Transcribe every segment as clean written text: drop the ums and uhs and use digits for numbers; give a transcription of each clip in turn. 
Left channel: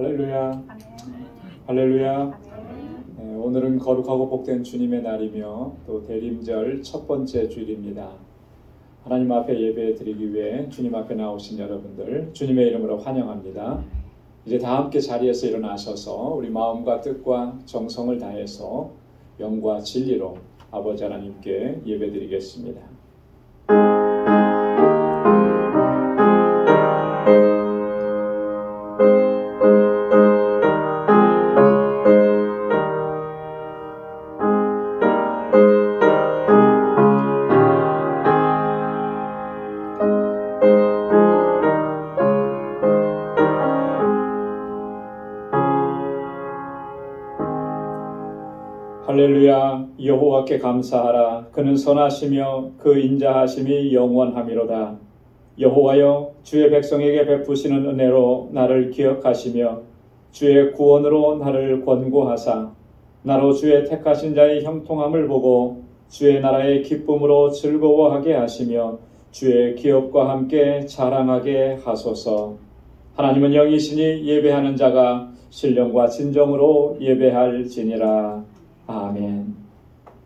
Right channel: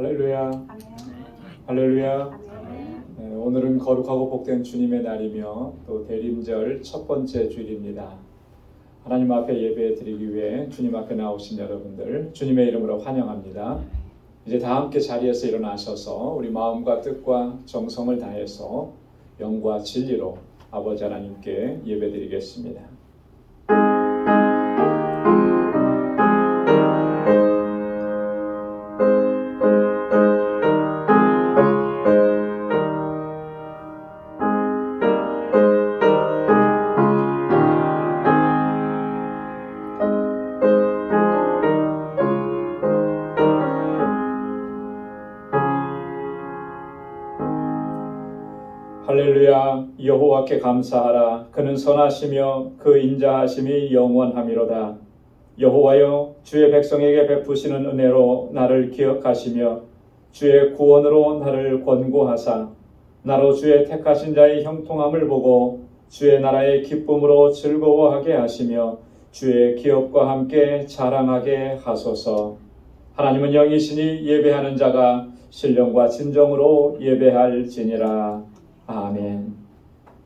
할렐루야. 할렐루야. 네, 오늘은 거룩하고 복된 주님의 날이며 또 대림절 첫 번째 주일입니다. 하나님 앞에 예배 드리기 위해 주님 앞에 나오신 여러분들 주님의 이름으로 환영합니다. 이제 다 함께 자리에서 일어나셔서 우리 마음과 뜻과 정성을 다해서 영과 진리로 아버지 하나님께 예배 드리겠습니다. 할렐루야. 여호와께 감사하라. 그는 선하시며 그 인자하심이 영원하미로다. 여호와여, 주의 백성에게 베푸시는 은혜로 나를 기억하시며 주의 구원으로 나를 권고하사 나로 주의 택하신 자의 형통함을 보고 주의 나라의 기쁨으로 즐거워하게 하시며 주의 기업과 함께 자랑하게 하소서. 하나님은 영이시니 예배하는 자가 신령과 진정으로 예배할지니라. 아멘.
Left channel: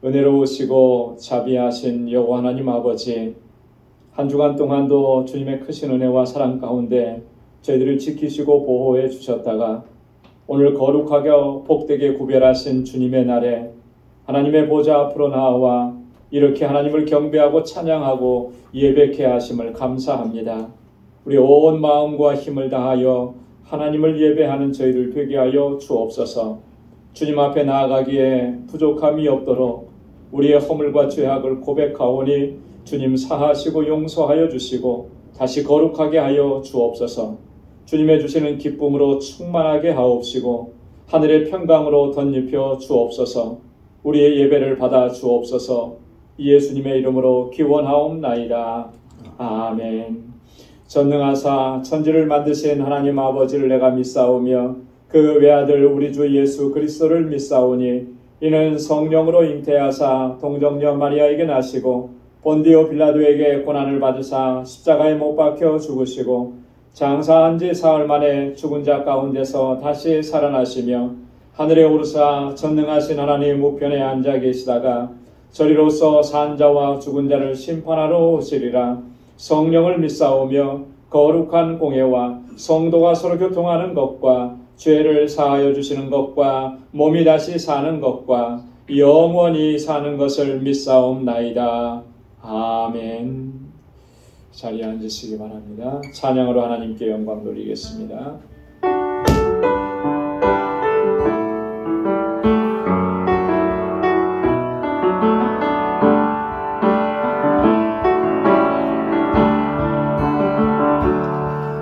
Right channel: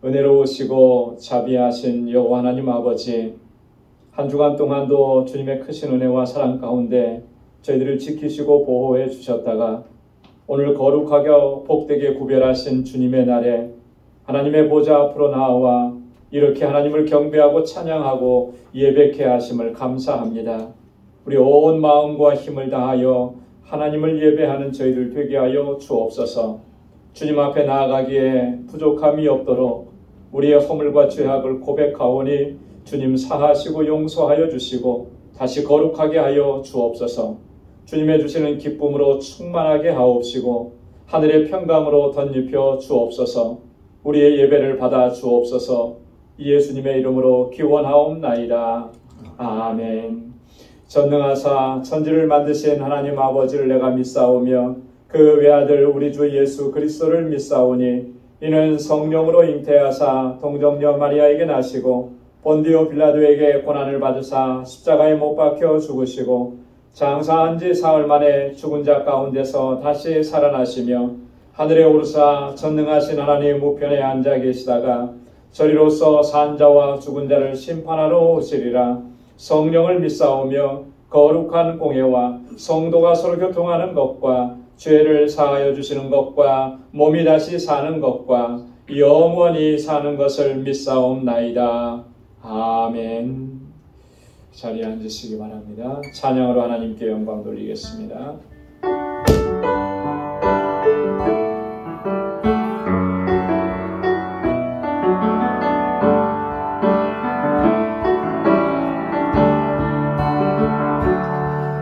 은혜로우시고 자비하신 여호와 하나님 아버지, 한 주간 동안도 주님의 크신 은혜와 사랑 가운데 저희들을 지키시고 보호해 주셨다가 오늘 거룩하게 복되게 구별하신 주님의 날에 하나님의 보좌 앞으로 나와 이렇게 하나님을 경배하고 찬양하고 예배케 하심을 감사합니다. 우리 온 마음과 힘을 다하여 하나님을 예배하는 저희들 되게 하여 주옵소서. 주님 앞에 나아가기에 부족함이 없도록 우리의 허물과 죄악을 고백하오니 주님 사하시고 용서하여 주시고 다시 거룩하게 하여 주옵소서. 주님의 주시는 기쁨으로 충만하게 하옵시고 하늘의 평강으로 덧입혀 주옵소서. 우리의 예배를 받아 주옵소서. 예수님의 이름으로 기원하옵나이다. 아멘. 전능하사 천지를 만드신 하나님 아버지를 내가 믿사오며 그 외아들 우리 주 예수 그리스도를 믿사오니 이는 성령으로 잉태하사 동정녀 마리아에게 나시고 본디오 빌라도에게 고난을 받으사 십자가에 못 박혀 죽으시고 장사한 지 사흘 만에 죽은 자 가운데서 다시 살아나시며 하늘에 오르사 전능하신 하나님 우편에 앉아 계시다가 저리로서 산 자와 죽은 자를 심판하러 오시리라. 성령을 믿사오며 거룩한 공예와 성도가 서로 교통하는 것과 죄를 사하여 주시는 것과 몸이 다시 사는 것과 영원히 사는 것을 믿사옵나이다. 아멘. 자리에 앉으시기 바랍니다. 찬양으로 하나님께 영광 돌리겠습니다.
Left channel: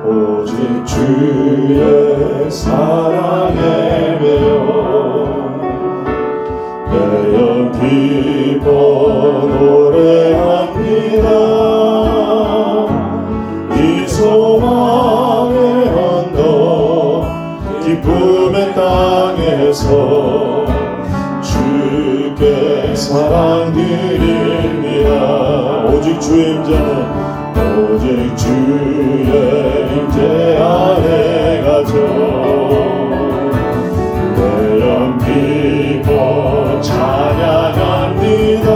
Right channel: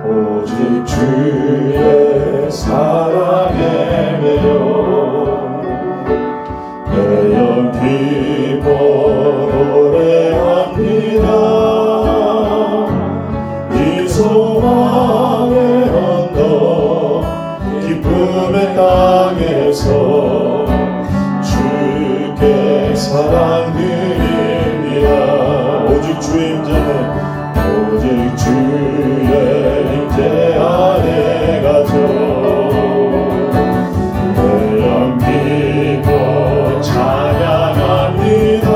오직 주의 사랑에 매여 내 영 기뻐 노래합니다. 이 소망의 언덕 기쁨의 땅에서 주께 사랑 드립니다. 오직 주의 임재는 오직 주의 임재 안에 가서 내 영 기뻐 찬양합니다.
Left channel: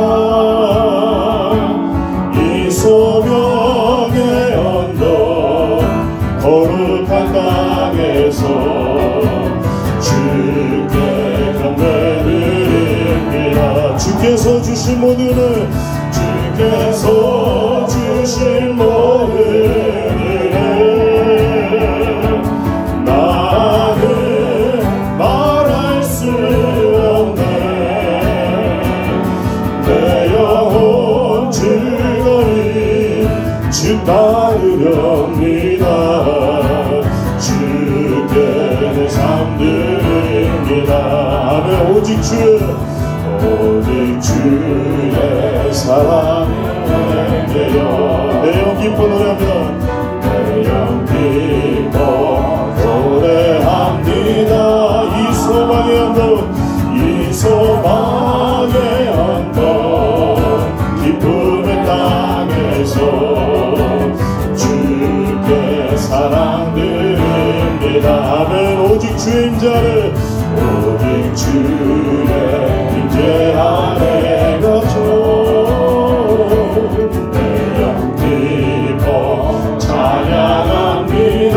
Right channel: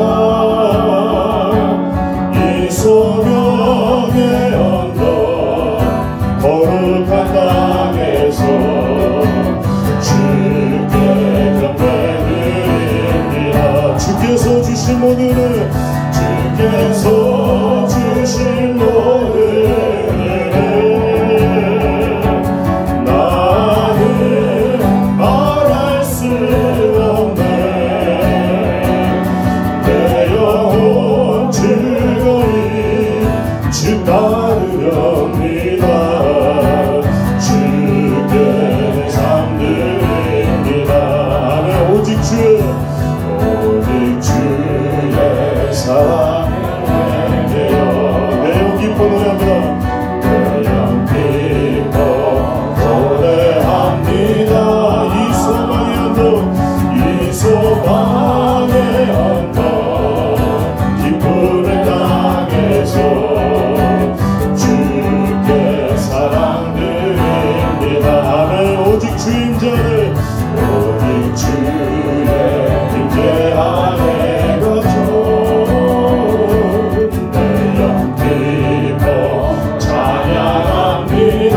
이 소명의 언덕 거룩한 땅에서 주의 임재하네 오직 주의 임재하네 가죠 내 영 기뻐 찬양합니다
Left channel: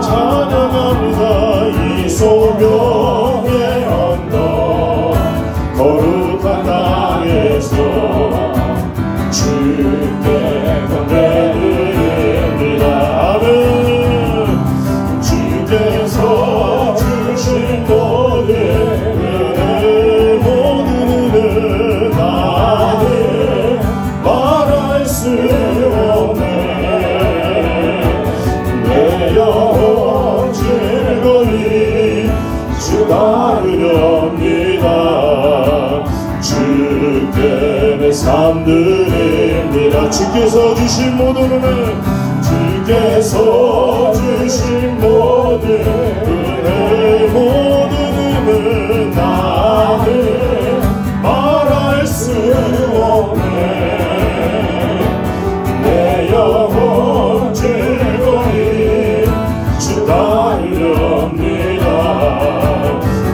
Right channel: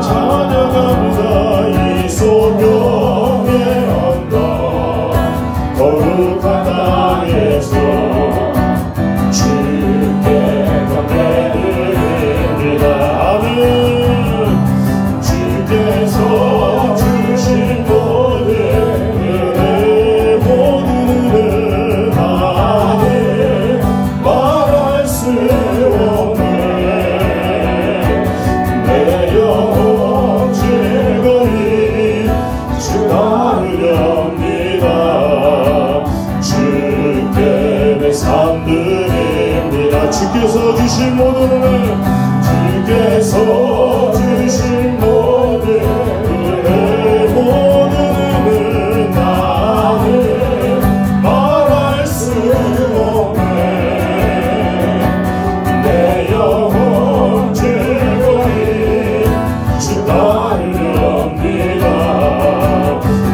찬양합니다 이 소명의 언덕 거룩한 땅에서 주께 건네드립니다 아멘 주께서 주신 모든 은혜 모든 은혜 나는 말할 수 없네 내 영혼 즐거이 주 따르렵니다 주께 내 삶 드립니다 주께서 주신 모든 은혜 주께서 주신 모든 은혜 모든 은혜 나는 말할 수 없네 내 영혼 즐거이 주 따르렵니다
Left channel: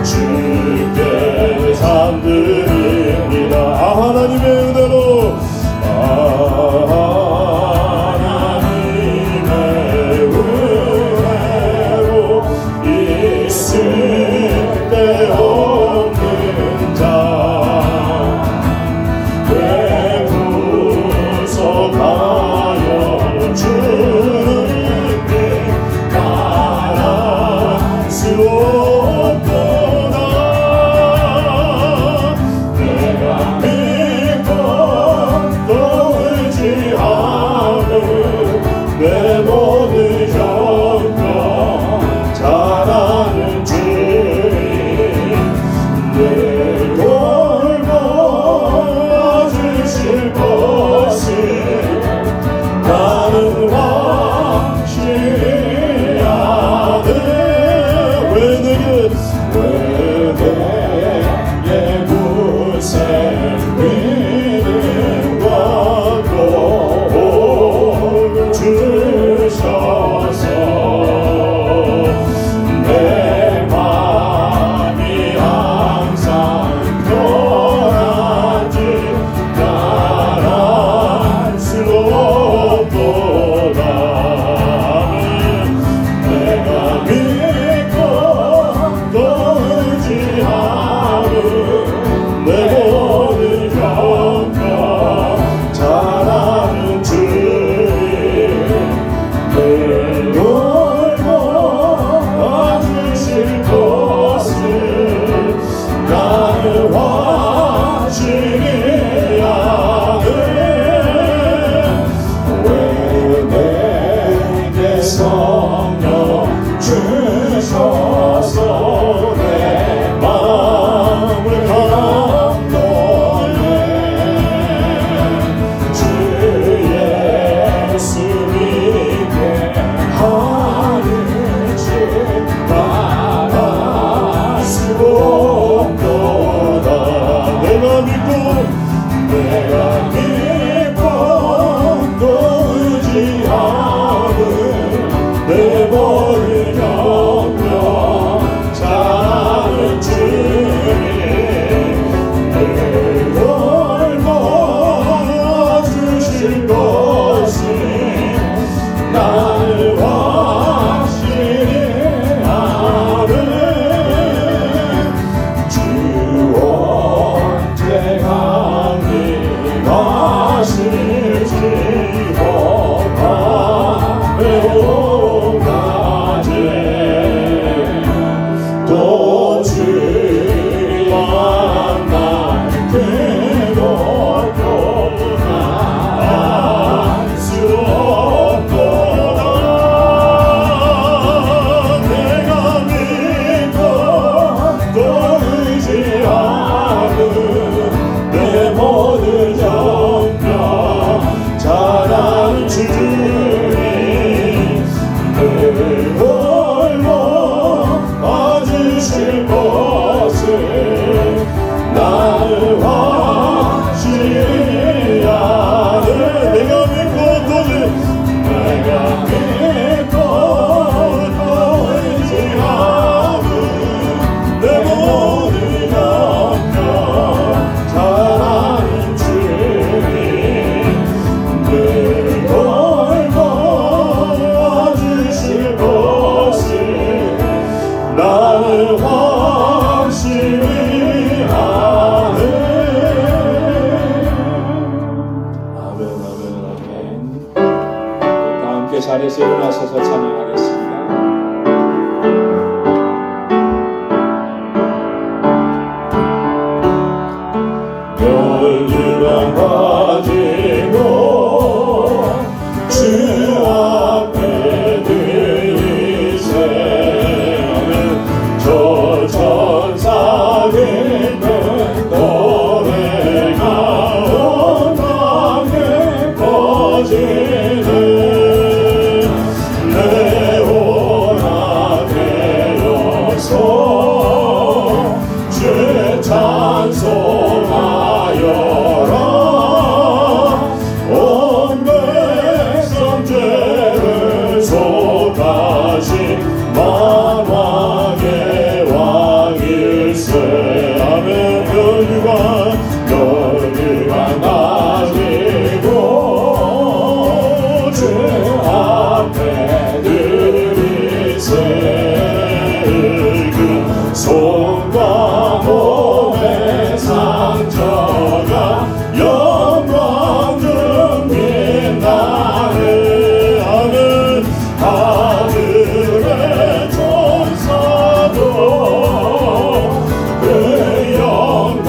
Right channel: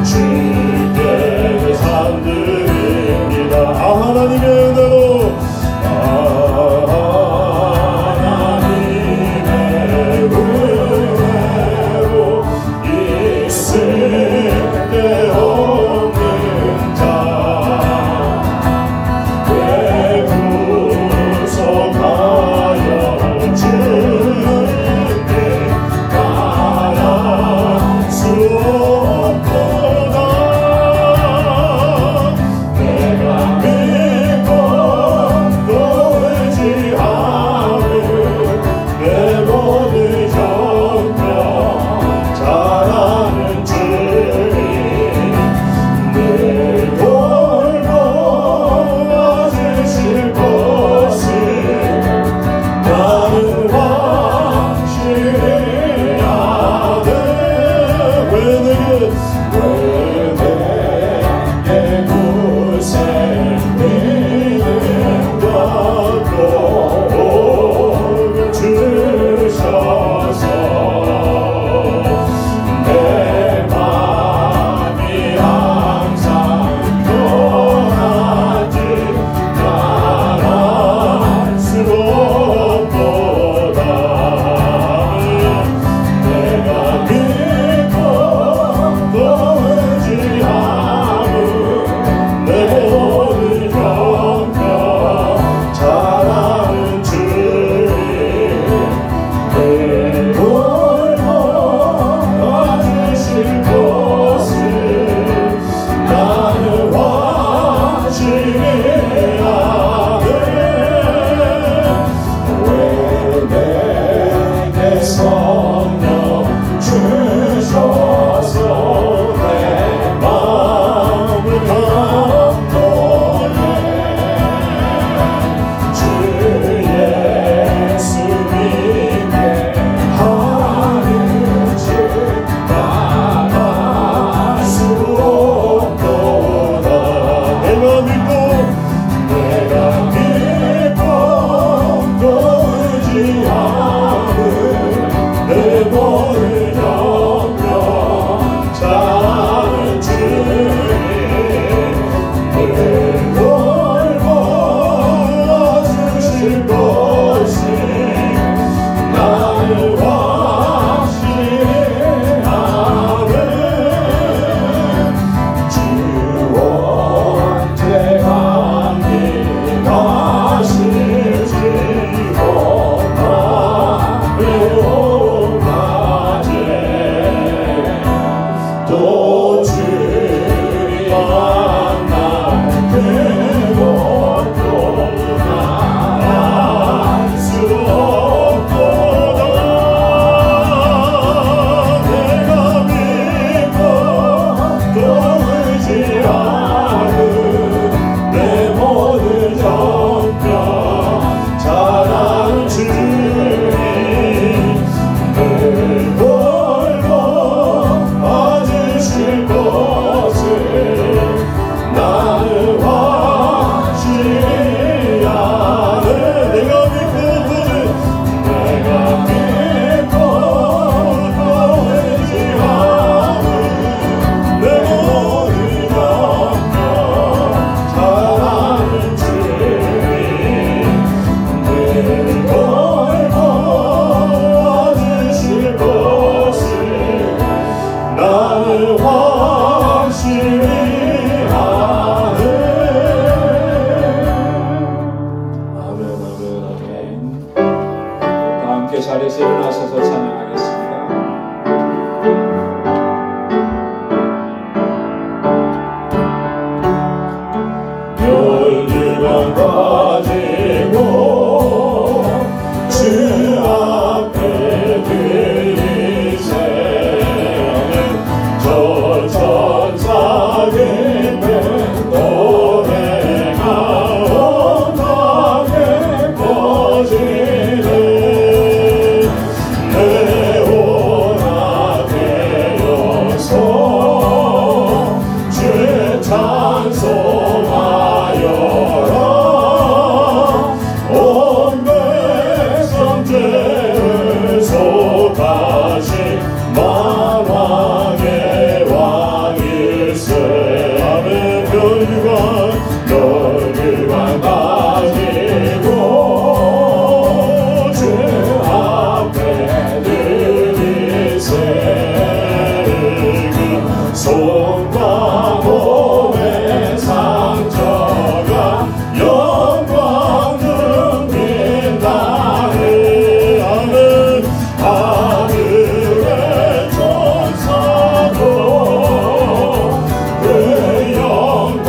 주께 내 삶 드립니다 하나님의 은혜로 하나님의 확신이 하네. 아멘, 아멘, 아멘. 다 함께 자리에서 일어나셔서 찬양하겠습니다. 열두건 가지고 주 앞에 들이세. 저 천사 깊은 노래가 온갖에 퍼지는 내 오락의 영성 주 찬송하여라. 온 백성 죄를 속하신 만왕의 왕일세. 아멘. 열두관 가지고 주 앞에 들이세. 그 손과 몸의 상처가 영광은 빛나네. 아멘. 하늘의 천사도 그 영광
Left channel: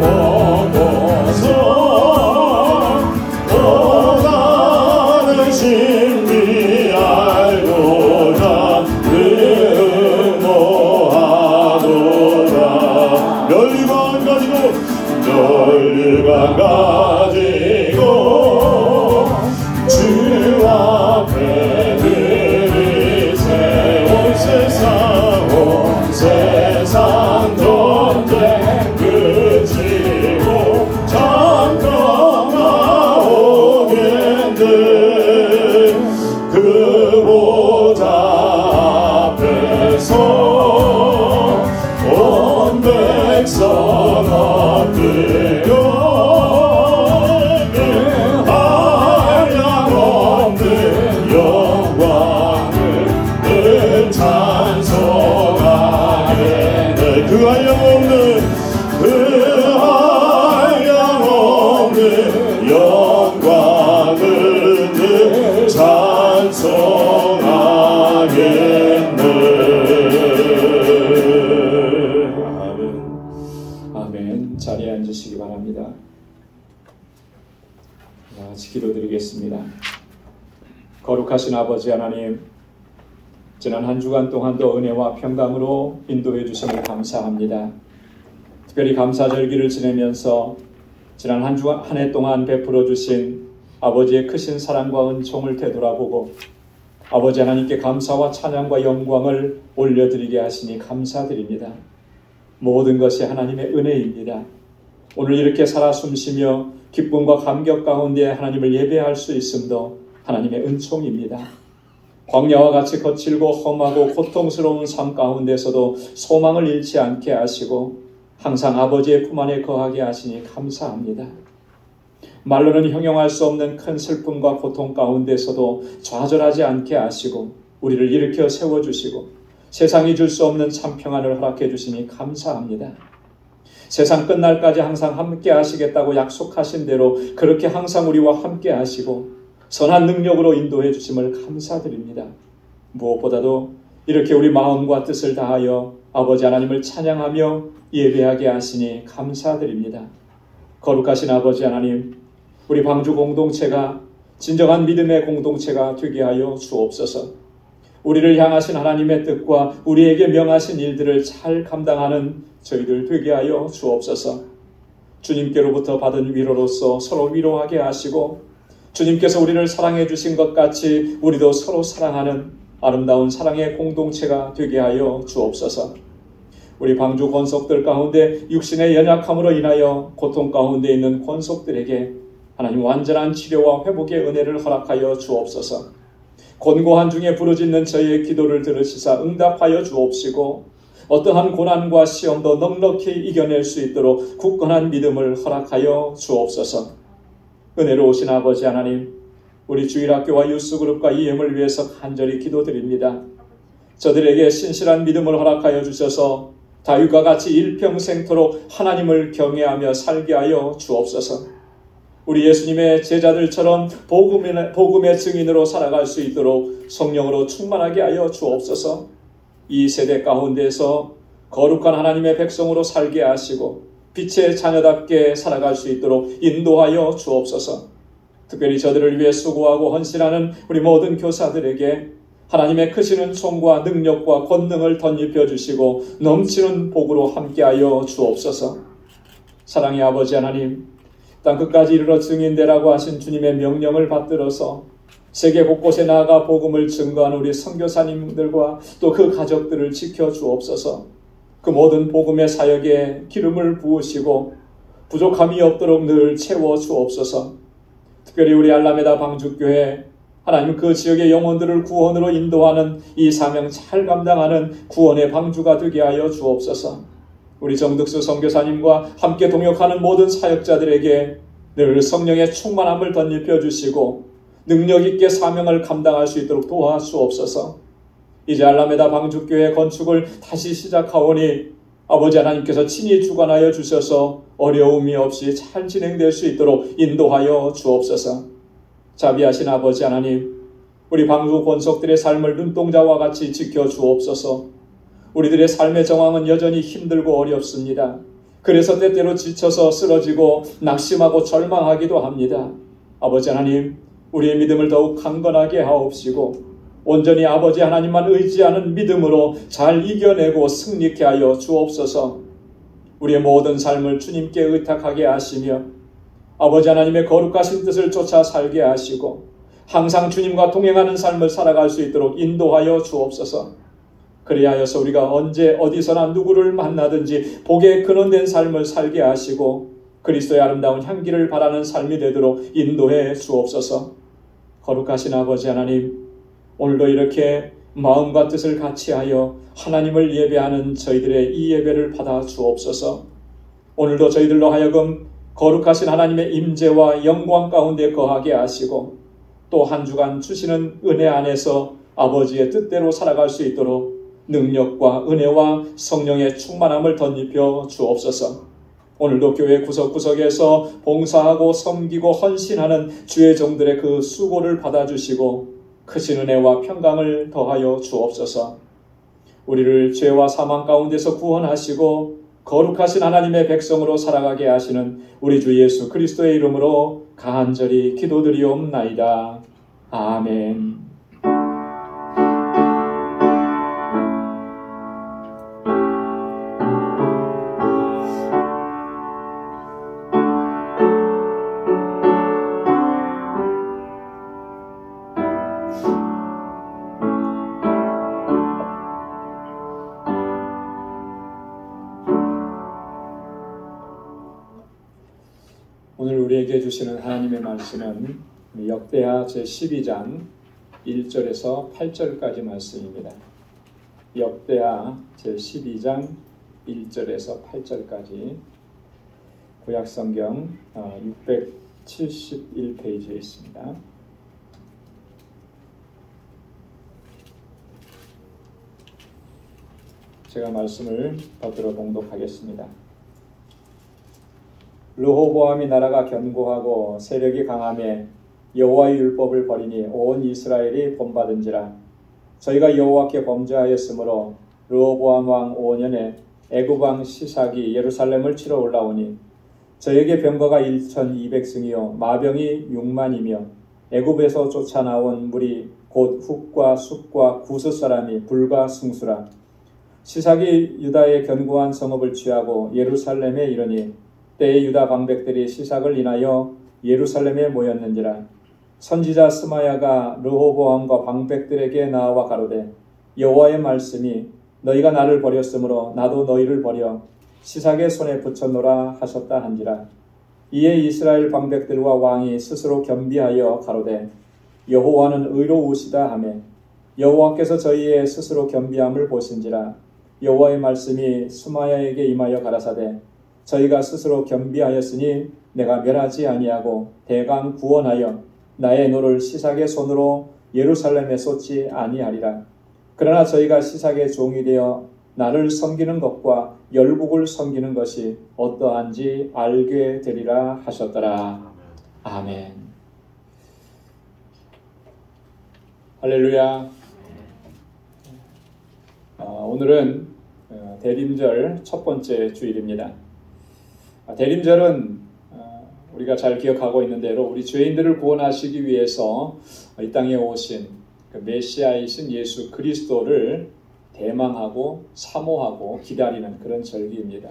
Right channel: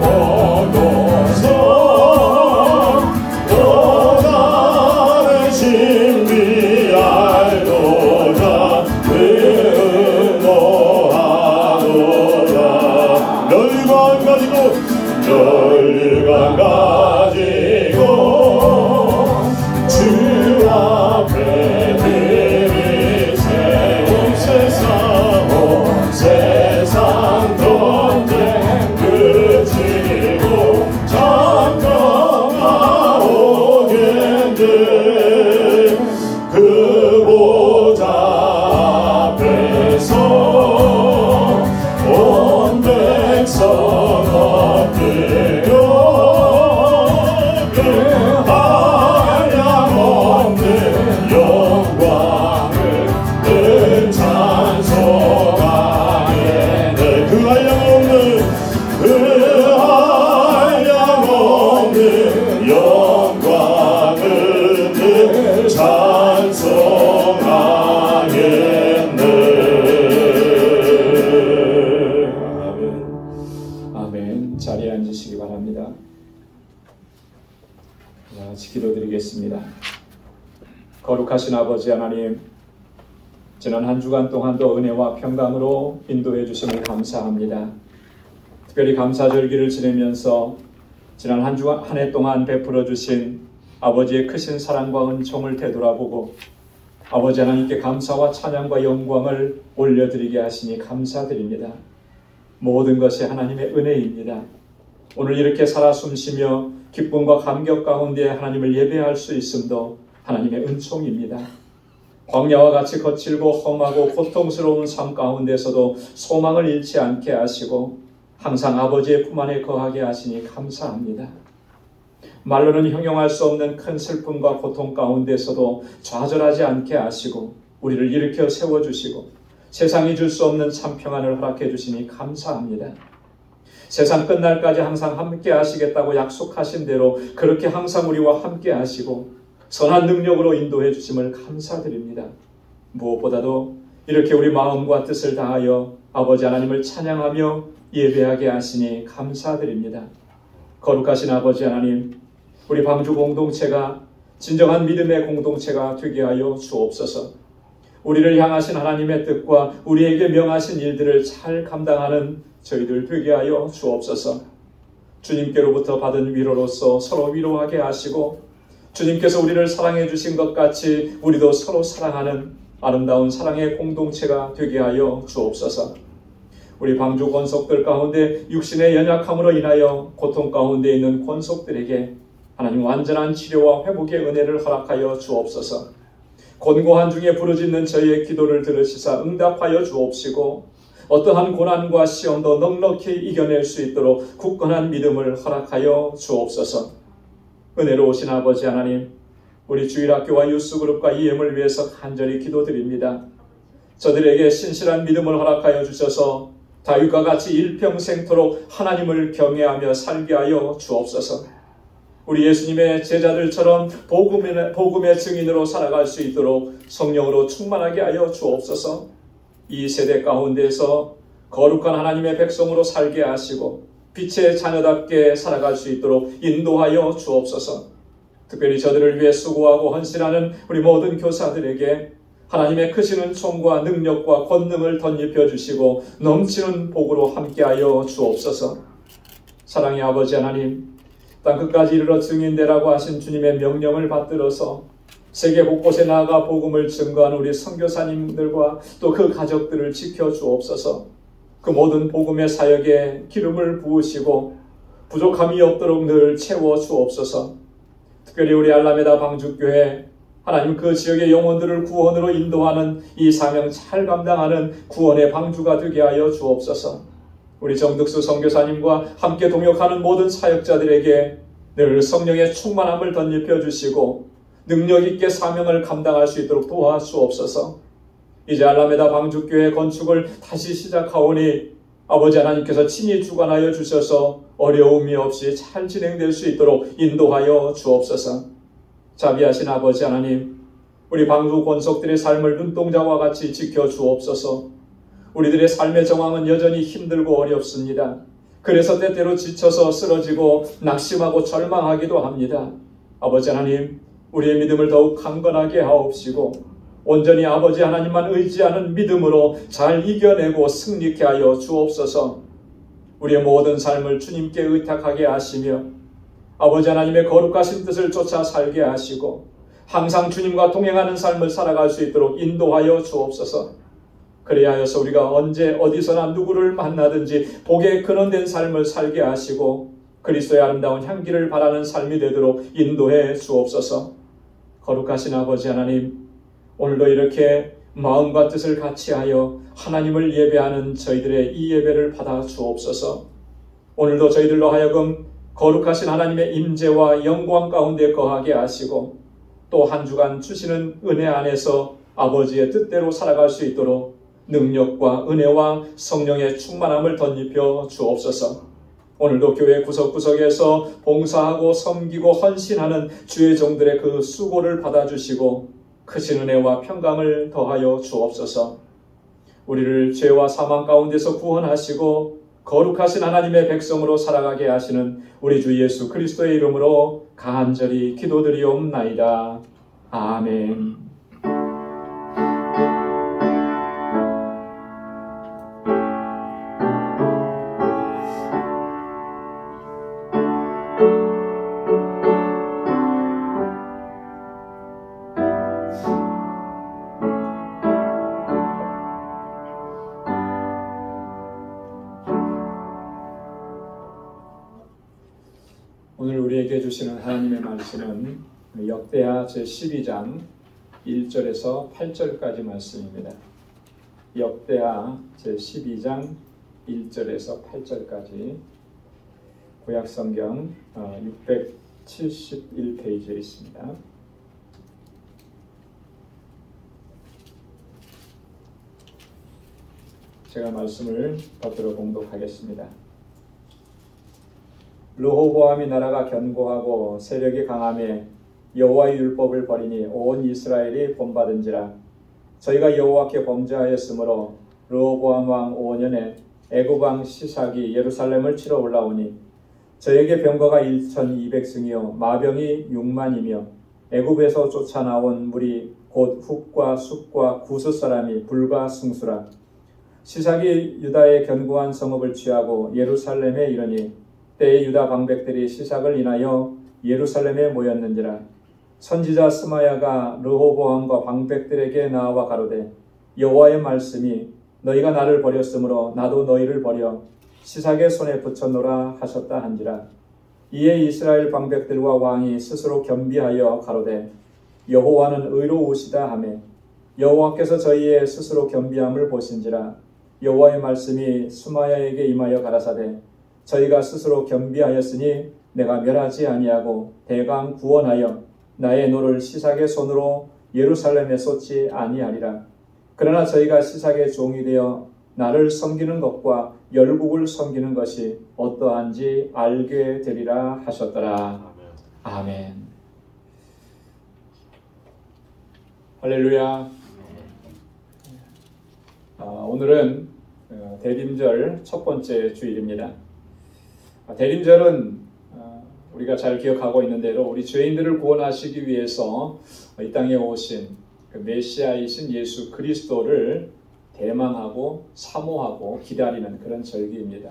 보고서 또 다른 신비 알고자 의노하노라. 열두관 가지고 주 앞에 들이세. 온 세상 전쟁 그치고 잠깐나오겠네. 그 보좌 앞에서 온 백성 엎드려 그 한량없는 영광을 늘 찬송하겠네. 그 한량없는 영광을 늘 찬송하겠네. 아멘. 아멘. 자리에 앉으시기 바랍니다. 같이 기도드리겠습니다. 거룩하신 아버지 하나님, 지난 한 주간 동안도 은혜와 평강으로 인도해 주심을 감사합니다. 특별히 감사절기를 지내면서 지난 한 주간 한 해 동안 베풀어 주신 아버지의 크신 사랑과 은총을 되돌아보고 아버지 하나님께 감사와 찬양과 영광을 올려드리게 하시니 감사드립니다. 모든 것이 하나님의 은혜입니다. 오늘 이렇게 살아 숨쉬며 기쁨과 감격 가운데 하나님을 예배할 수 있음도 하나님의 은총입니다. 광야와 같이 거칠고 험하고 고통스러운 삶 가운데서도 소망을 잃지 않게 하시고 항상 아버지의 품 안에 거하게 하시니 감사합니다. 말로는 형용할 수 없는 큰 슬픔과 고통 가운데서도 좌절하지 않게 하시고 우리를 일으켜 세워주시고 세상이 줄 수 없는 참 평안을 허락해 주시니 감사합니다. 세상 끝날까지 항상 함께 하시겠다고 약속하신 대로 그렇게 항상 우리와 함께 하시고 선한 능력으로 인도해 주심을 감사드립니다. 무엇보다도 이렇게 우리 마음과 뜻을 다하여 아버지 하나님을 찬양하며 예배하게 하시니 감사드립니다. 거룩하신 아버지 하나님, 우리 방주 공동체가 진정한 믿음의 공동체가 되게 하여 주옵소서. 우리를 향하신 하나님의 뜻과 우리에게 명하신 일들을 잘 감당하는 저희들 되게 하여 주옵소서. 주님께로부터 받은 위로로서 서로 위로하게 하시고 주님께서 우리를 사랑해 주신 것 같이 우리도 서로 사랑하는 아름다운 사랑의 공동체가 되게 하여 주옵소서. 우리 방주 권속들 가운데 육신의 연약함으로 인하여 고통 가운데 있는 권속들에게 하나님 완전한 치료와 회복의 은혜를 허락하여 주옵소서. 곤고한 중에 부르짖는 저희의 기도를 들으시사 응답하여 주옵시고 어떠한 고난과 시험도 넉넉히 이겨낼 수 있도록 굳건한 믿음을 허락하여 주옵소서. 은혜로우신 아버지 하나님, 우리 주일학교와 유스그룹과 EM을 위해서 간절히 기도드립니다. 저들에게 신실한 믿음을 허락하여 주셔서 다윗과 같이 일평생토록 하나님을 경외하며 살게 하여 주옵소서. 우리 예수님의 제자들처럼 복음의 증인으로 살아갈 수 있도록 성령으로 충만하게 하여 주옵소서. 이 세대 가운데서 거룩한 하나님의 백성으로 살게 하시고 빛의 자녀답게 살아갈 수 있도록 인도하여 주옵소서. 특별히 저들을 위해 수고하고 헌신하는 우리 모든 교사들에게 하나님의 크시는 총과 능력과 권능을 덧입혀 주시고 넘치는 복으로 함께하여 주옵소서. 사랑의 아버지 하나님, 땅 끝까지 이르러 증인되라고 하신 주님의 명령을 받들어서 세계 곳곳에 나아가 복음을 증거하는 우리 선교사님들과 또 그 가족들을 지켜 주옵소서. 그 모든 복음의 사역에 기름을 부으시고 부족함이 없도록 늘 채워 주옵소서. 특별히 우리 알라메다 방주교회 하나님 그 지역의 영혼들을 구원으로 인도하는 이 사명 잘 감당하는 구원의 방주가 되게 하여 주옵소서. 우리 정득수 선교사님과 함께 동역하는 모든 사역자들에게 늘 성령의 충만함을 덧입혀 주시고 능력 있게 사명을 감당할 수 있도록 도와주옵소서. 이제 알라메다 방주교회 건축을 다시 시작하오니 아버지 하나님께서 친히 주관하여 주셔서 어려움이 없이 잘 진행될 수 있도록 인도하여 주옵소서. 자비하신 아버지 하나님, 우리 방주 권속들의 삶을 눈동자와 같이 지켜 주옵소서. 우리들의 삶의 정황은 여전히 힘들고 어렵습니다. 그래서 때때로 지쳐서 쓰러지고 낙심하고 절망하기도 합니다. 아버지 하나님, 우리의 믿음을 더욱 강건하게 하옵시고 온전히 아버지 하나님만 의지하는 믿음으로 잘 이겨내고 승리케 하여 주옵소서. 우리의 모든 삶을 주님께 의탁하게 하시며 아버지 하나님의 거룩하신 뜻을 쫓아 살게 하시고 항상 주님과 동행하는 삶을 살아갈 수 있도록 인도하여 주옵소서. 그래야 하여서 우리가 언제 어디서나 누구를 만나든지 복에 근원된 삶을 살게 하시고 그리스도의 아름다운 향기를 바라는 삶이 되도록 인도해 주옵소서. 거룩하신 아버지 하나님, 오늘도 이렇게 마음과 뜻을 같이하여 하나님을 예배하는 저희들의 이 예배를 받아 주옵소서. 오늘도 저희들로 하여금 거룩하신 하나님의 임재와 영광 가운데 거하게 하시고 또 한 주간 주시는 은혜 안에서 아버지의 뜻대로 살아갈 수 있도록 능력과 은혜와 성령의 충만함을 덧입혀 주옵소서. 오늘도 교회 구석구석에서 봉사하고 섬기고 헌신하는 주의 종들의 그 수고를 받아주시고 크신 은혜와 평강을 더하여 주옵소서. 우리를 죄와 사망 가운데서 구원하시고 거룩하신 하나님의 백성으로 살아가게 하시는 우리 주 예수 그리스도의 이름으로 간절히 기도드리옵나이다. 아멘. 오늘 우리에게 주시는 하나님의 말씀은 역대하 제12장 1절에서 8절까지 말씀입니다. 역대하 제12장 1절에서 8절까지 구약성경 671페이지에 있습니다. 제가 말씀을 받들어 봉독하겠습니다. 르호보암이 나라가 견고하고 세력이 강함에 여호와의 율법을 버리니 온 이스라엘이 본받은지라. 저희가 여호와께 범죄하였으므로 르호보암 왕 5년에 애굽 왕 시삭이 예루살렘을 치러 올라오니 저에게 병거가 1,200승이요 마병이 6만이며 애굽에서 쫓아나온 무리 곧 훅과 숫과 구스 사람이 불과 승수라. 시삭이 유다의 견고한 성읍을 취하고 예루살렘에 이르니 때에 유다 방백들이 시삭을 인하여 예루살렘에 모였는지라. 선지자 스마야가 르호보암과 방백들에게 나아와 가로되 여호와의 말씀이 너희가 나를 버렸으므로 나도 너희를 버려 시삭의 손에 붙였노라 하셨다 한지라. 이에 이스라엘 방백들과 왕이 스스로 겸비하여 가로되 여호와는 의로우시다 하며 여호와께서 저희의 스스로 겸비함을 보신지라. 여호와의 말씀이 스마야에게 임하여 가라사대 저희가 스스로 겸비하였으니 내가 멸하지 아니하고 대강 구원하여 나의 노를 시삭의 손으로 예루살렘에 쏟지 아니하리라. 그러나 저희가 시삭의 종이 되어 나를 섬기는 것과 열국을 섬기는 것이 어떠한지 알게 되리라 하셨더라. 아멘. 할렐루야. 오늘은 대림절 첫 번째 주일입니다. 대림절은 우리가 잘 기억하고 있는 대로 우리 죄인들을 구원하시기 위해서 이 땅에 오신 메시아이신 예수 그리스도를 대망하고 사모하고 기다리는 그런 절기입니다.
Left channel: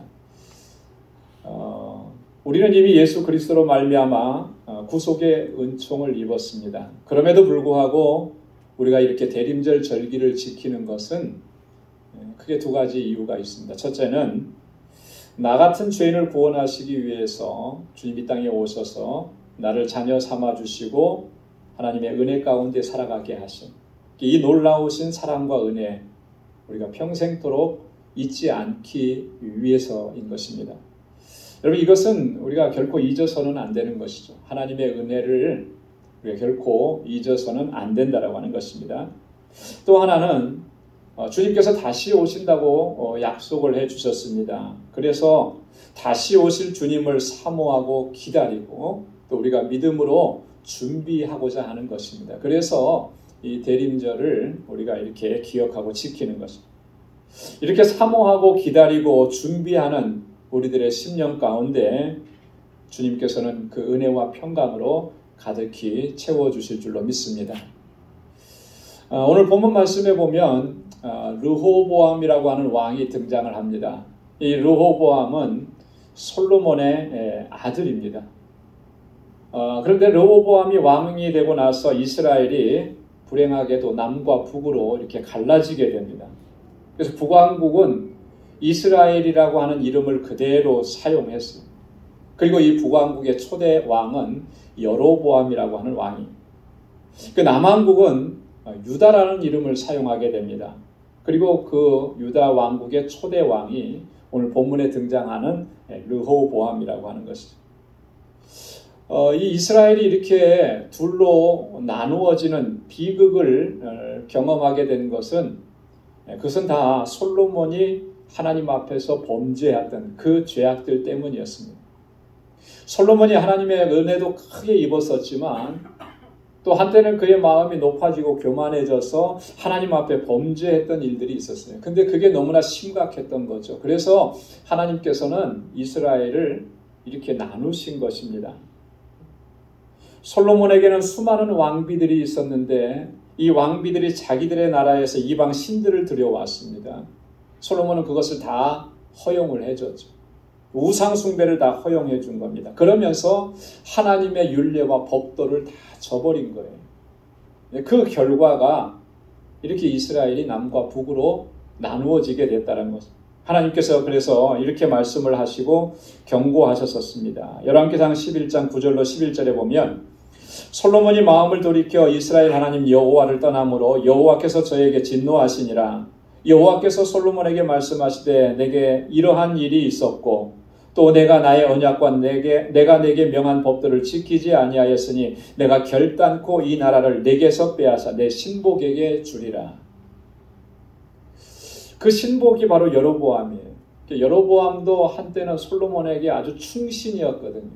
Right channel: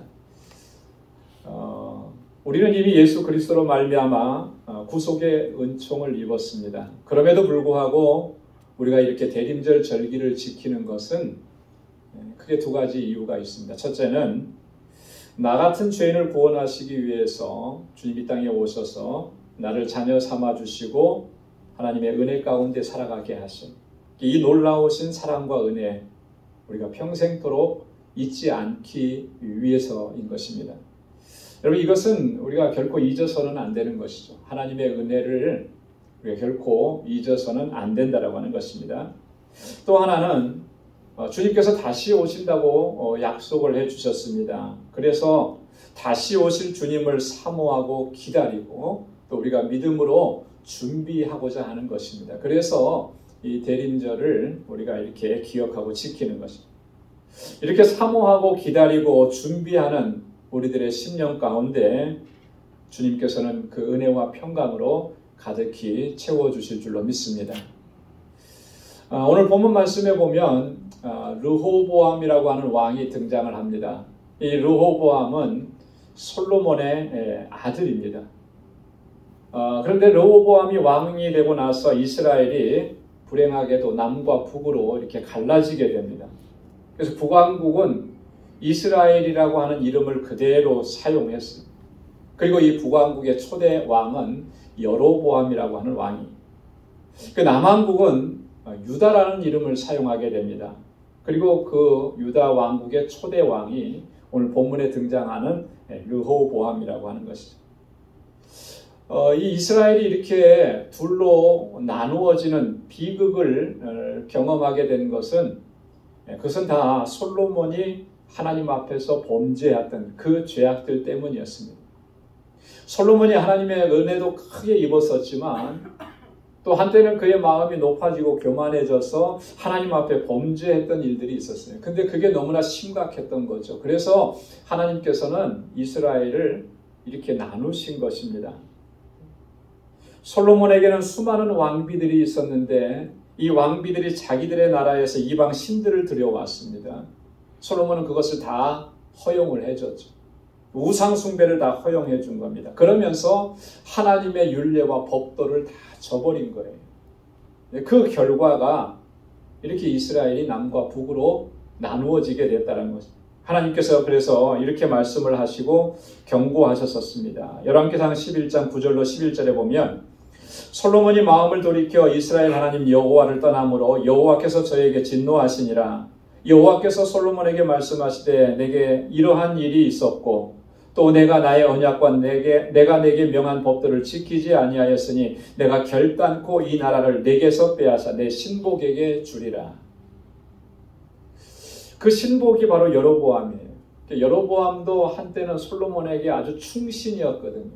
우리는 이미 예수 그리스도로 말미암아 구속의 은총을 입었습니다. 그럼에도 불구하고 우리가 이렇게 대림절 절기를 지키는 것은 크게 두 가지 이유가 있습니다. 첫째는 나 같은 죄인을 구원하시기 위해서 주님 이 땅에 오셔서 나를 자녀 삼아주시고 하나님의 은혜 가운데 살아가게 하신 이 놀라우신 사랑과 은혜 우리가 평생토록 잊지 않기 위해서인 것입니다. 여러분 이것은 우리가 결코 잊어서는 안 되는 것이죠. 하나님의 은혜를 우리가 결코 잊어서는 안 된다라고 하는 것입니다. 또 하나는 주님께서 다시 오신다고 약속을 해주셨습니다. 그래서 다시 오실 주님을 사모하고 기다리고 또 우리가 믿음으로 준비하고자 하는 것입니다. 그래서 이 대림절을 우리가 이렇게 기억하고 지키는 것입니다. 이렇게 사모하고 기다리고 준비하는 우리들의 심령 가운데 주님께서는 그 은혜와 평강으로 가득히 채워주실 줄로 믿습니다. 오늘 본문 말씀에 보면 르호보암이라고 하는 왕이 등장을 합니다. 이 르호보암은 솔로몬의 아들입니다. 그런데 르호보암이 왕이 되고 나서 이스라엘이 불행하게도 남과 북으로 이렇게 갈라지게 됩니다. 그래서 북왕국은 이스라엘이라고 하는 이름을 그대로 사용했습니다. 그리고 이 북왕국의 초대 왕은 여로보암이라고 하는 왕이. 그 남왕국은 유다라는 이름을 사용하게 됩니다. 그리고 그 유다 왕국의 초대 왕이 오늘 본문에 등장하는 르호보암이라고 하는 것이죠. 이 이스라엘이 이렇게 둘로 나누어지는 비극을 경험하게 된 것은 그것은 다 솔로몬이 하나님 앞에서 범죄했던 그 죄악들 때문이었습니다. 솔로몬이 하나님의 은혜도 크게 입었었지만 또 한때는 그의 마음이 높아지고 교만해져서 하나님 앞에 범죄했던 일들이 있었어요. 근데 그게 너무나 심각했던 거죠. 그래서 하나님께서는 이스라엘을 이렇게 나누신 것입니다. 솔로몬에게는 수많은 왕비들이 있었는데 이 왕비들이 자기들의 나라에서 이방 신들을 들여왔습니다. 솔로몬은 그것을 다 허용을 해줬죠. 우상 숭배를 다 허용해 준 겁니다. 그러면서 하나님의 율례와 법도를 다 저버린 거예요. 그 결과가 이렇게 이스라엘이 남과 북으로 나누어지게 됐다는 것입니다. 하나님께서 그래서 이렇게 말씀을 하시고 경고하셨었습니다. 열왕기상 11장 9절로 11절에 보면 솔로몬이 마음을 돌이켜 이스라엘 하나님 여호와를 떠남으로 여호와께서 저에게 진노하시니라. 여호와께서 솔로몬에게 말씀하시되 내게 이러한 일이 있었고 또 내가 나의 언약과 내가 내게 명한 법도를 지키지 아니하였으니 내가 결단코 이 나라를 내게서 빼앗아 내 신복에게 주리라. 그 신복이 바로 여로보암이에요. 여로보암도 한때는 솔로몬에게 아주 충신이었거든요.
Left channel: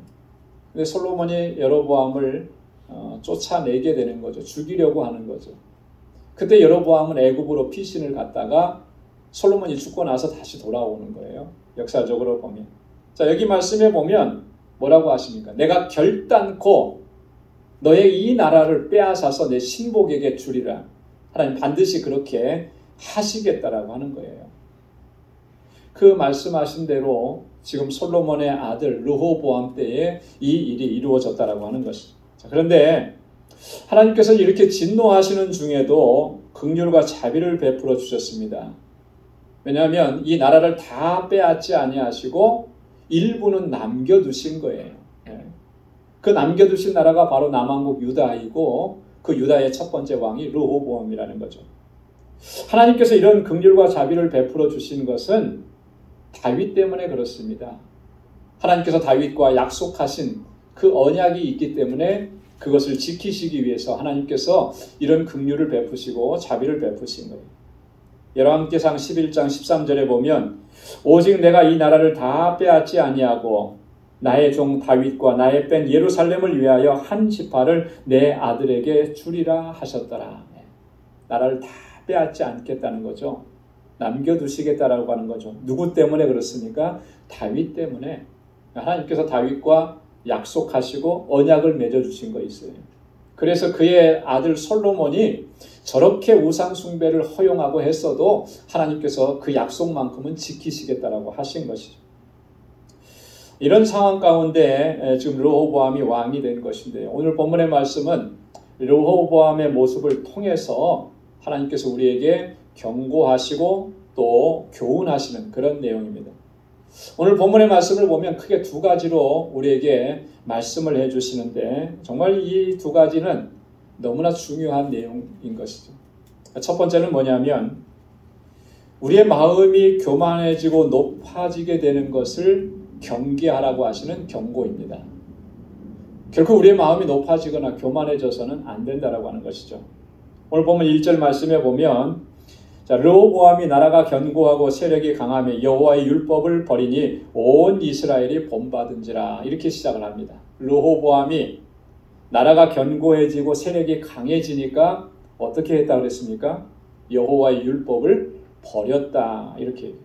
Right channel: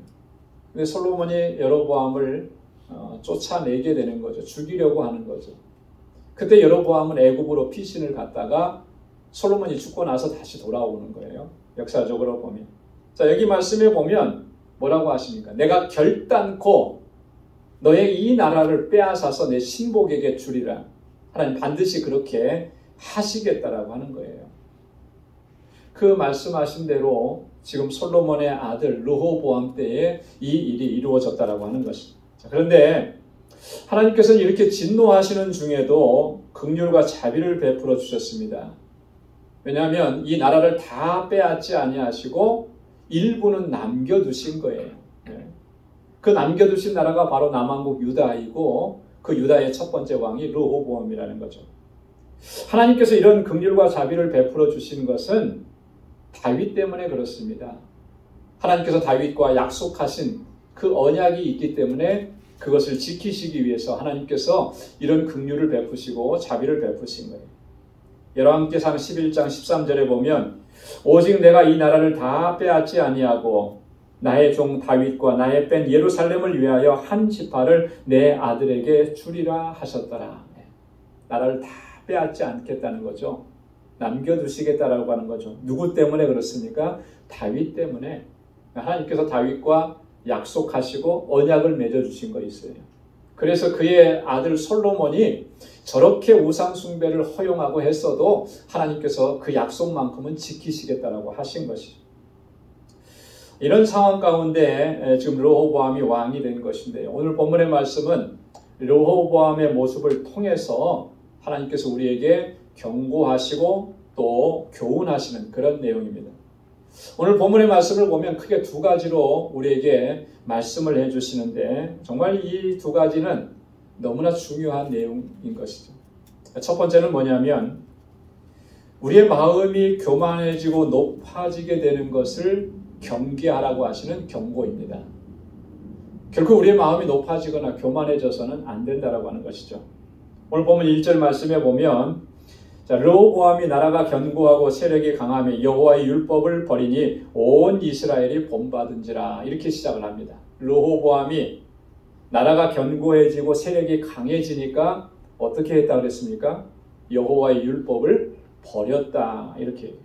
근데 솔로몬이 여로보암을 쫓아내게 되는 거죠. 죽이려고 하는 거죠. 그때 여로보암은 애굽으로 피신을 갔다가 솔로몬이 죽고 나서 다시 돌아오는 거예요. 역사적으로 보면. 자, 여기 말씀에 보면 뭐라고 하십니까? 내가 결단코 너의 이 나라를 빼앗아서 내 신복에게 주리라. 하나님 반드시 그렇게 하시겠다라고 하는 거예요. 그 말씀하신 대로 지금 솔로몬의 아들 르호보암 때에 이 일이 이루어졌다라고 하는 것입니다. 자, 그런데 하나님께서는 이렇게 진노하시는 중에도 긍휼과 자비를 베풀어 주셨습니다. 왜냐하면 이 나라를 다 빼앗지 아니하시고 일부는 남겨두신 거예요. 그 남겨두신 나라가 바로 남왕국 유다이고 그 유다의 첫 번째 왕이 르호보암이라는 거죠. 하나님께서 이런 긍휼과 자비를 베풀어 주신 것은 다윗 때문에 그렇습니다. 하나님께서 다윗과 약속하신 그 언약이 있기 때문에 그것을 지키시기 위해서 하나님께서 이런 긍휼을 베푸시고 자비를 베푸신 거예요. 열왕기상 11장 13절에 보면 오직 내가 이 나라를 다 빼앗지 아니하고 나의 종 다윗과 나의 뺀 예루살렘을 위하여 한 지파를 내 아들에게 주리라 하셨더라. 나라를 다 빼앗지 않겠다는 거죠. 남겨두시겠다라고 하는 거죠. 누구 때문에 그렇습니까? 다윗 때문에. 하나님께서 다윗과 약속하시고 언약을 맺어주신 거 있어요. 그래서 그의 아들 솔로몬이 저렇게 우상 숭배를 허용하고 했어도 하나님께서 그 약속만큼은 지키시겠다라고 하신 것이죠. 이런 상황 가운데 지금 르호보암이 왕이 된 것인데요. 오늘 본문의 말씀은 르호보암의 모습을 통해서 하나님께서 우리에게 경고하시고 또 교훈하시는 그런 내용입니다. 오늘 본문의 말씀을 보면 크게 두 가지로 우리에게 말씀을 해주시는데 정말 이 두 가지는 너무나 중요한 내용인 것이죠. 첫 번째는 뭐냐면 우리의 마음이 교만해지고 높아지게 되는 것을 경계하라고 하시는 경고입니다. 결코 우리의 마음이 높아지거나 교만해져서는 안 된다라고 하는 것이죠. 오늘 보면 1절 말씀에 보면 르호보암이 나라가 견고하고 세력이 강하며 여호와의 율법을 버리니 온 이스라엘이 본받은지라 이렇게 시작을 합니다. 르호보암이 나라가 견고해지고 세력이 강해지니까 어떻게 했다 그랬습니까? 여호와의 율법을 버렸다 이렇게.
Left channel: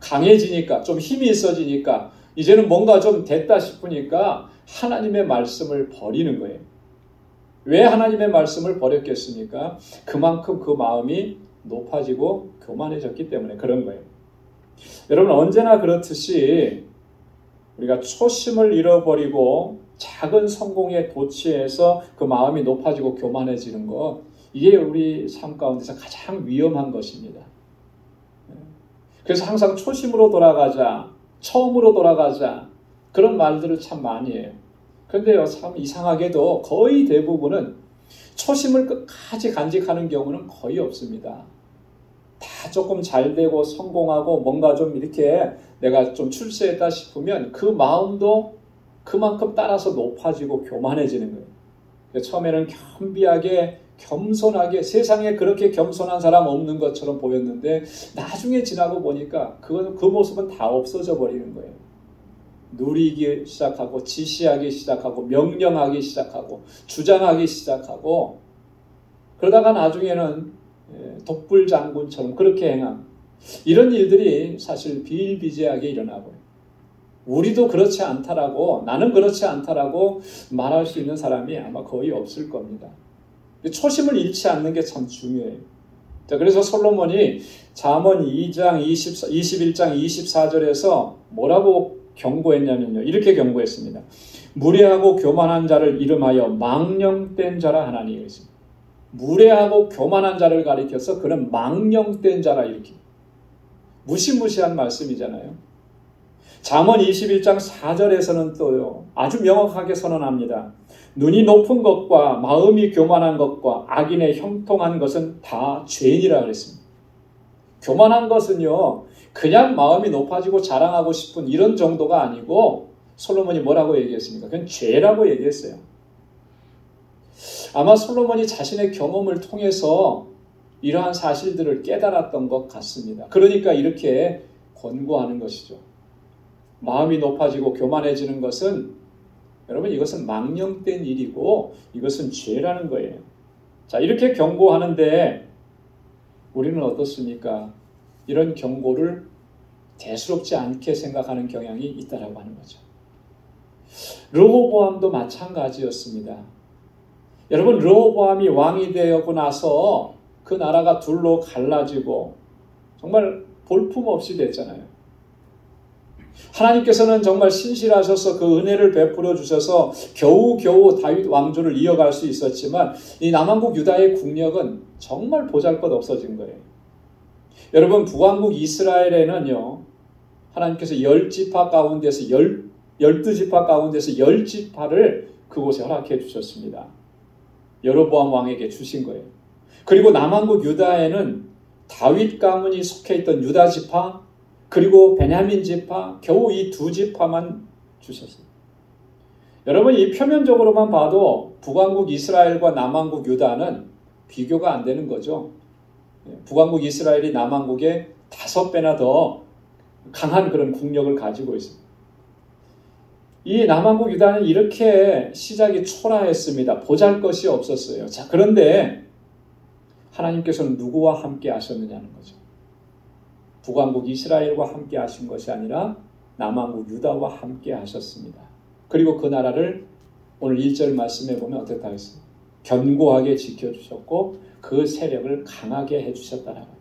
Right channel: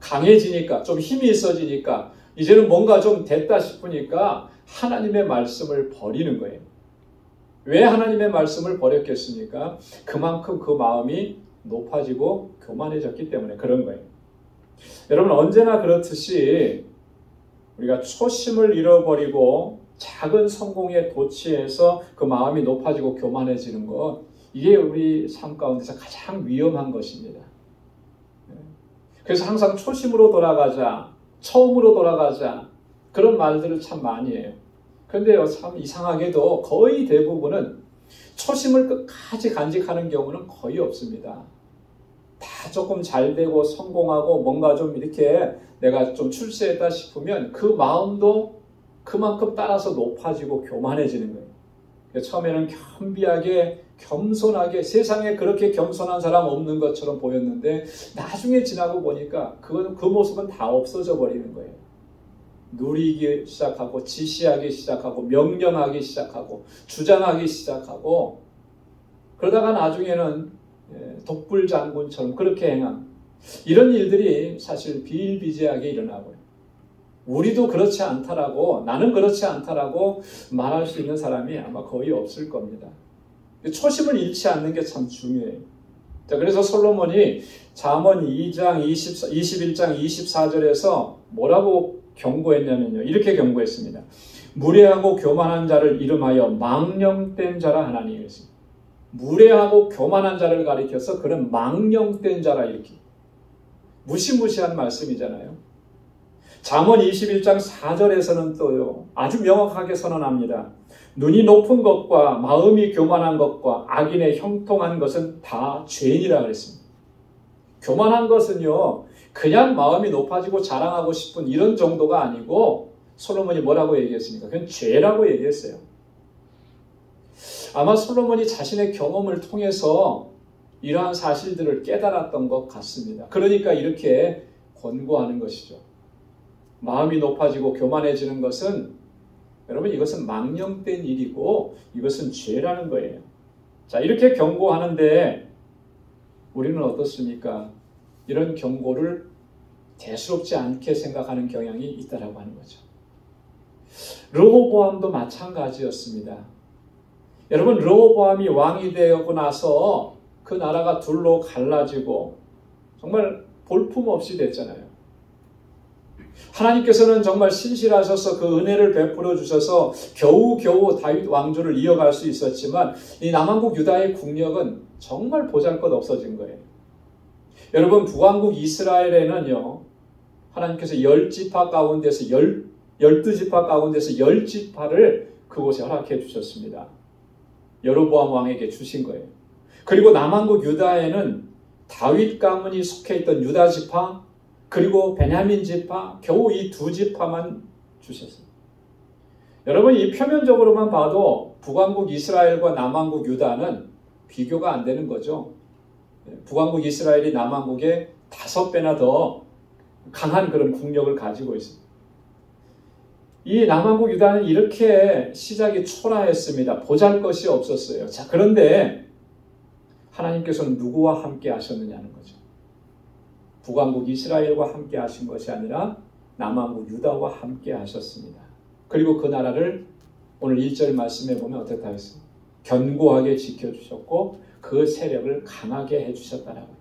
강해지니까 좀 힘이 있어지니까 이제는 뭔가 좀 됐다 싶으니까 하나님의 말씀을 버리는 거예요. 왜 하나님의 말씀을 버렸겠습니까? 그만큼 그 마음이 높아지고 교만해졌기 때문에 그런 거예요. 여러분 언제나 그렇듯이 우리가 초심을 잃어버리고 작은 성공에 도취해서 그 마음이 높아지고 교만해지는 것 이게 우리 삶 가운데서 가장 위험한 것입니다. 그래서 항상 초심으로 돌아가자, 처음으로 돌아가자 그런 말들을 참 많이 해요. 그런데요 참 이상하게도 거의 대부분은 초심을 끝까지 간직하는 경우는 거의 없습니다. 다 조금 잘 되고 성공하고 뭔가 좀 이렇게 내가 좀 출세했다 싶으면 그 마음도 그만큼 따라서 높아지고 교만해지는 거예요. 처음에는 겸비하게 겸손하게 세상에 그렇게 겸손한 사람 없는 것처럼 보였는데 나중에 지나고 보니까 그 모습은 다 없어져 버리는 거예요. 누리기 시작하고 지시하기 시작하고 명령하기 시작하고 주장하기 시작하고 그러다가 나중에는 독불장군처럼 그렇게 행한 이런 일들이 사실 비일비재하게 일어나고요. 우리도 그렇지 않다라고 나는 그렇지 않다라고 말할 수 있는 사람이 아마 거의 없을 겁니다. 초심을 잃지 않는 게 참 중요해요. 자, 그래서 솔로몬이 잠언 2장 21장 24절에서 뭐라고 경고했냐면요. 이렇게 경고했습니다. 무례하고 교만한 자를 이름하여 망령된 자라 하나니 했습니다. 무례하고 교만한 자를 가리켜서 그는 망령된 자라 이렇게 무시무시한 말씀이잖아요. 잠언 21장 4절에서는 또요. 아주 명확하게 선언합니다. 눈이 높은 것과 마음이 교만한 것과 악인의 형통한 것은 다 죄인이라 그랬습니다. 교만한 것은요. 그냥 마음이 높아지고 자랑하고 싶은 이런 정도가 아니고 솔로몬이 뭐라고 얘기했습니까? 그건 죄라고 얘기했어요. 아마 솔로몬이 자신의 경험을 통해서 이러한 사실들을 깨달았던 것 같습니다. 그러니까 이렇게 권고하는 것이죠. 마음이 높아지고 교만해지는 것은 여러분 이것은 망령된 일이고 이것은 죄라는 거예요. 자, 이렇게 경고하는데 우리는 어떻습니까? 이런 경고를 대수롭지 않게 생각하는 경향이 있다라고 하는 거죠. 르호보암도 마찬가지였습니다. 여러분 르호보암이 왕이 되고 나서 그 나라가 둘로 갈라지고 정말 볼품없이 됐잖아요. 하나님께서는 정말 신실하셔서 그 은혜를 베풀어 주셔서 겨우겨우 다윗 왕조를 이어갈 수 있었지만 이 남한국 유다의 국력은 정말 보잘것 없어진 거예요. 여러분 북왕국 이스라엘에는요. 하나님께서 10지파 가운데서 12지파 가운데서 10지파를 그곳에 허락해 주셨습니다. 여로보암 왕에게 주신 거예요. 그리고 남한국 유다에는 다윗 가문이 속해 있던 유다 지파 그리고 베냐민 지파 겨우 이 두 지파만 주셨습니다. 여러분 이 표면적으로만 봐도 북왕국 이스라엘과 남왕국 유다는 비교가 안 되는 거죠. 북왕국 이스라엘이 남왕국의 5배나 더 강한 그런 국력을 가지고 있습니다. 이 남왕국 유다는 이렇게 시작이 초라했습니다. 보잘것이 없었어요. 자, 그런데 하나님께서는 누구와 함께 하셨느냐는 거죠. 북왕국 이스라엘과 함께 하신 것이 아니라 남왕국 유다와 함께 하셨습니다. 그리고 그 나라를 오늘 1절 말씀에 보면 어떻다 했습니까? 견고하게 지켜주셨고 그 세력을 강하게 해주셨다라고.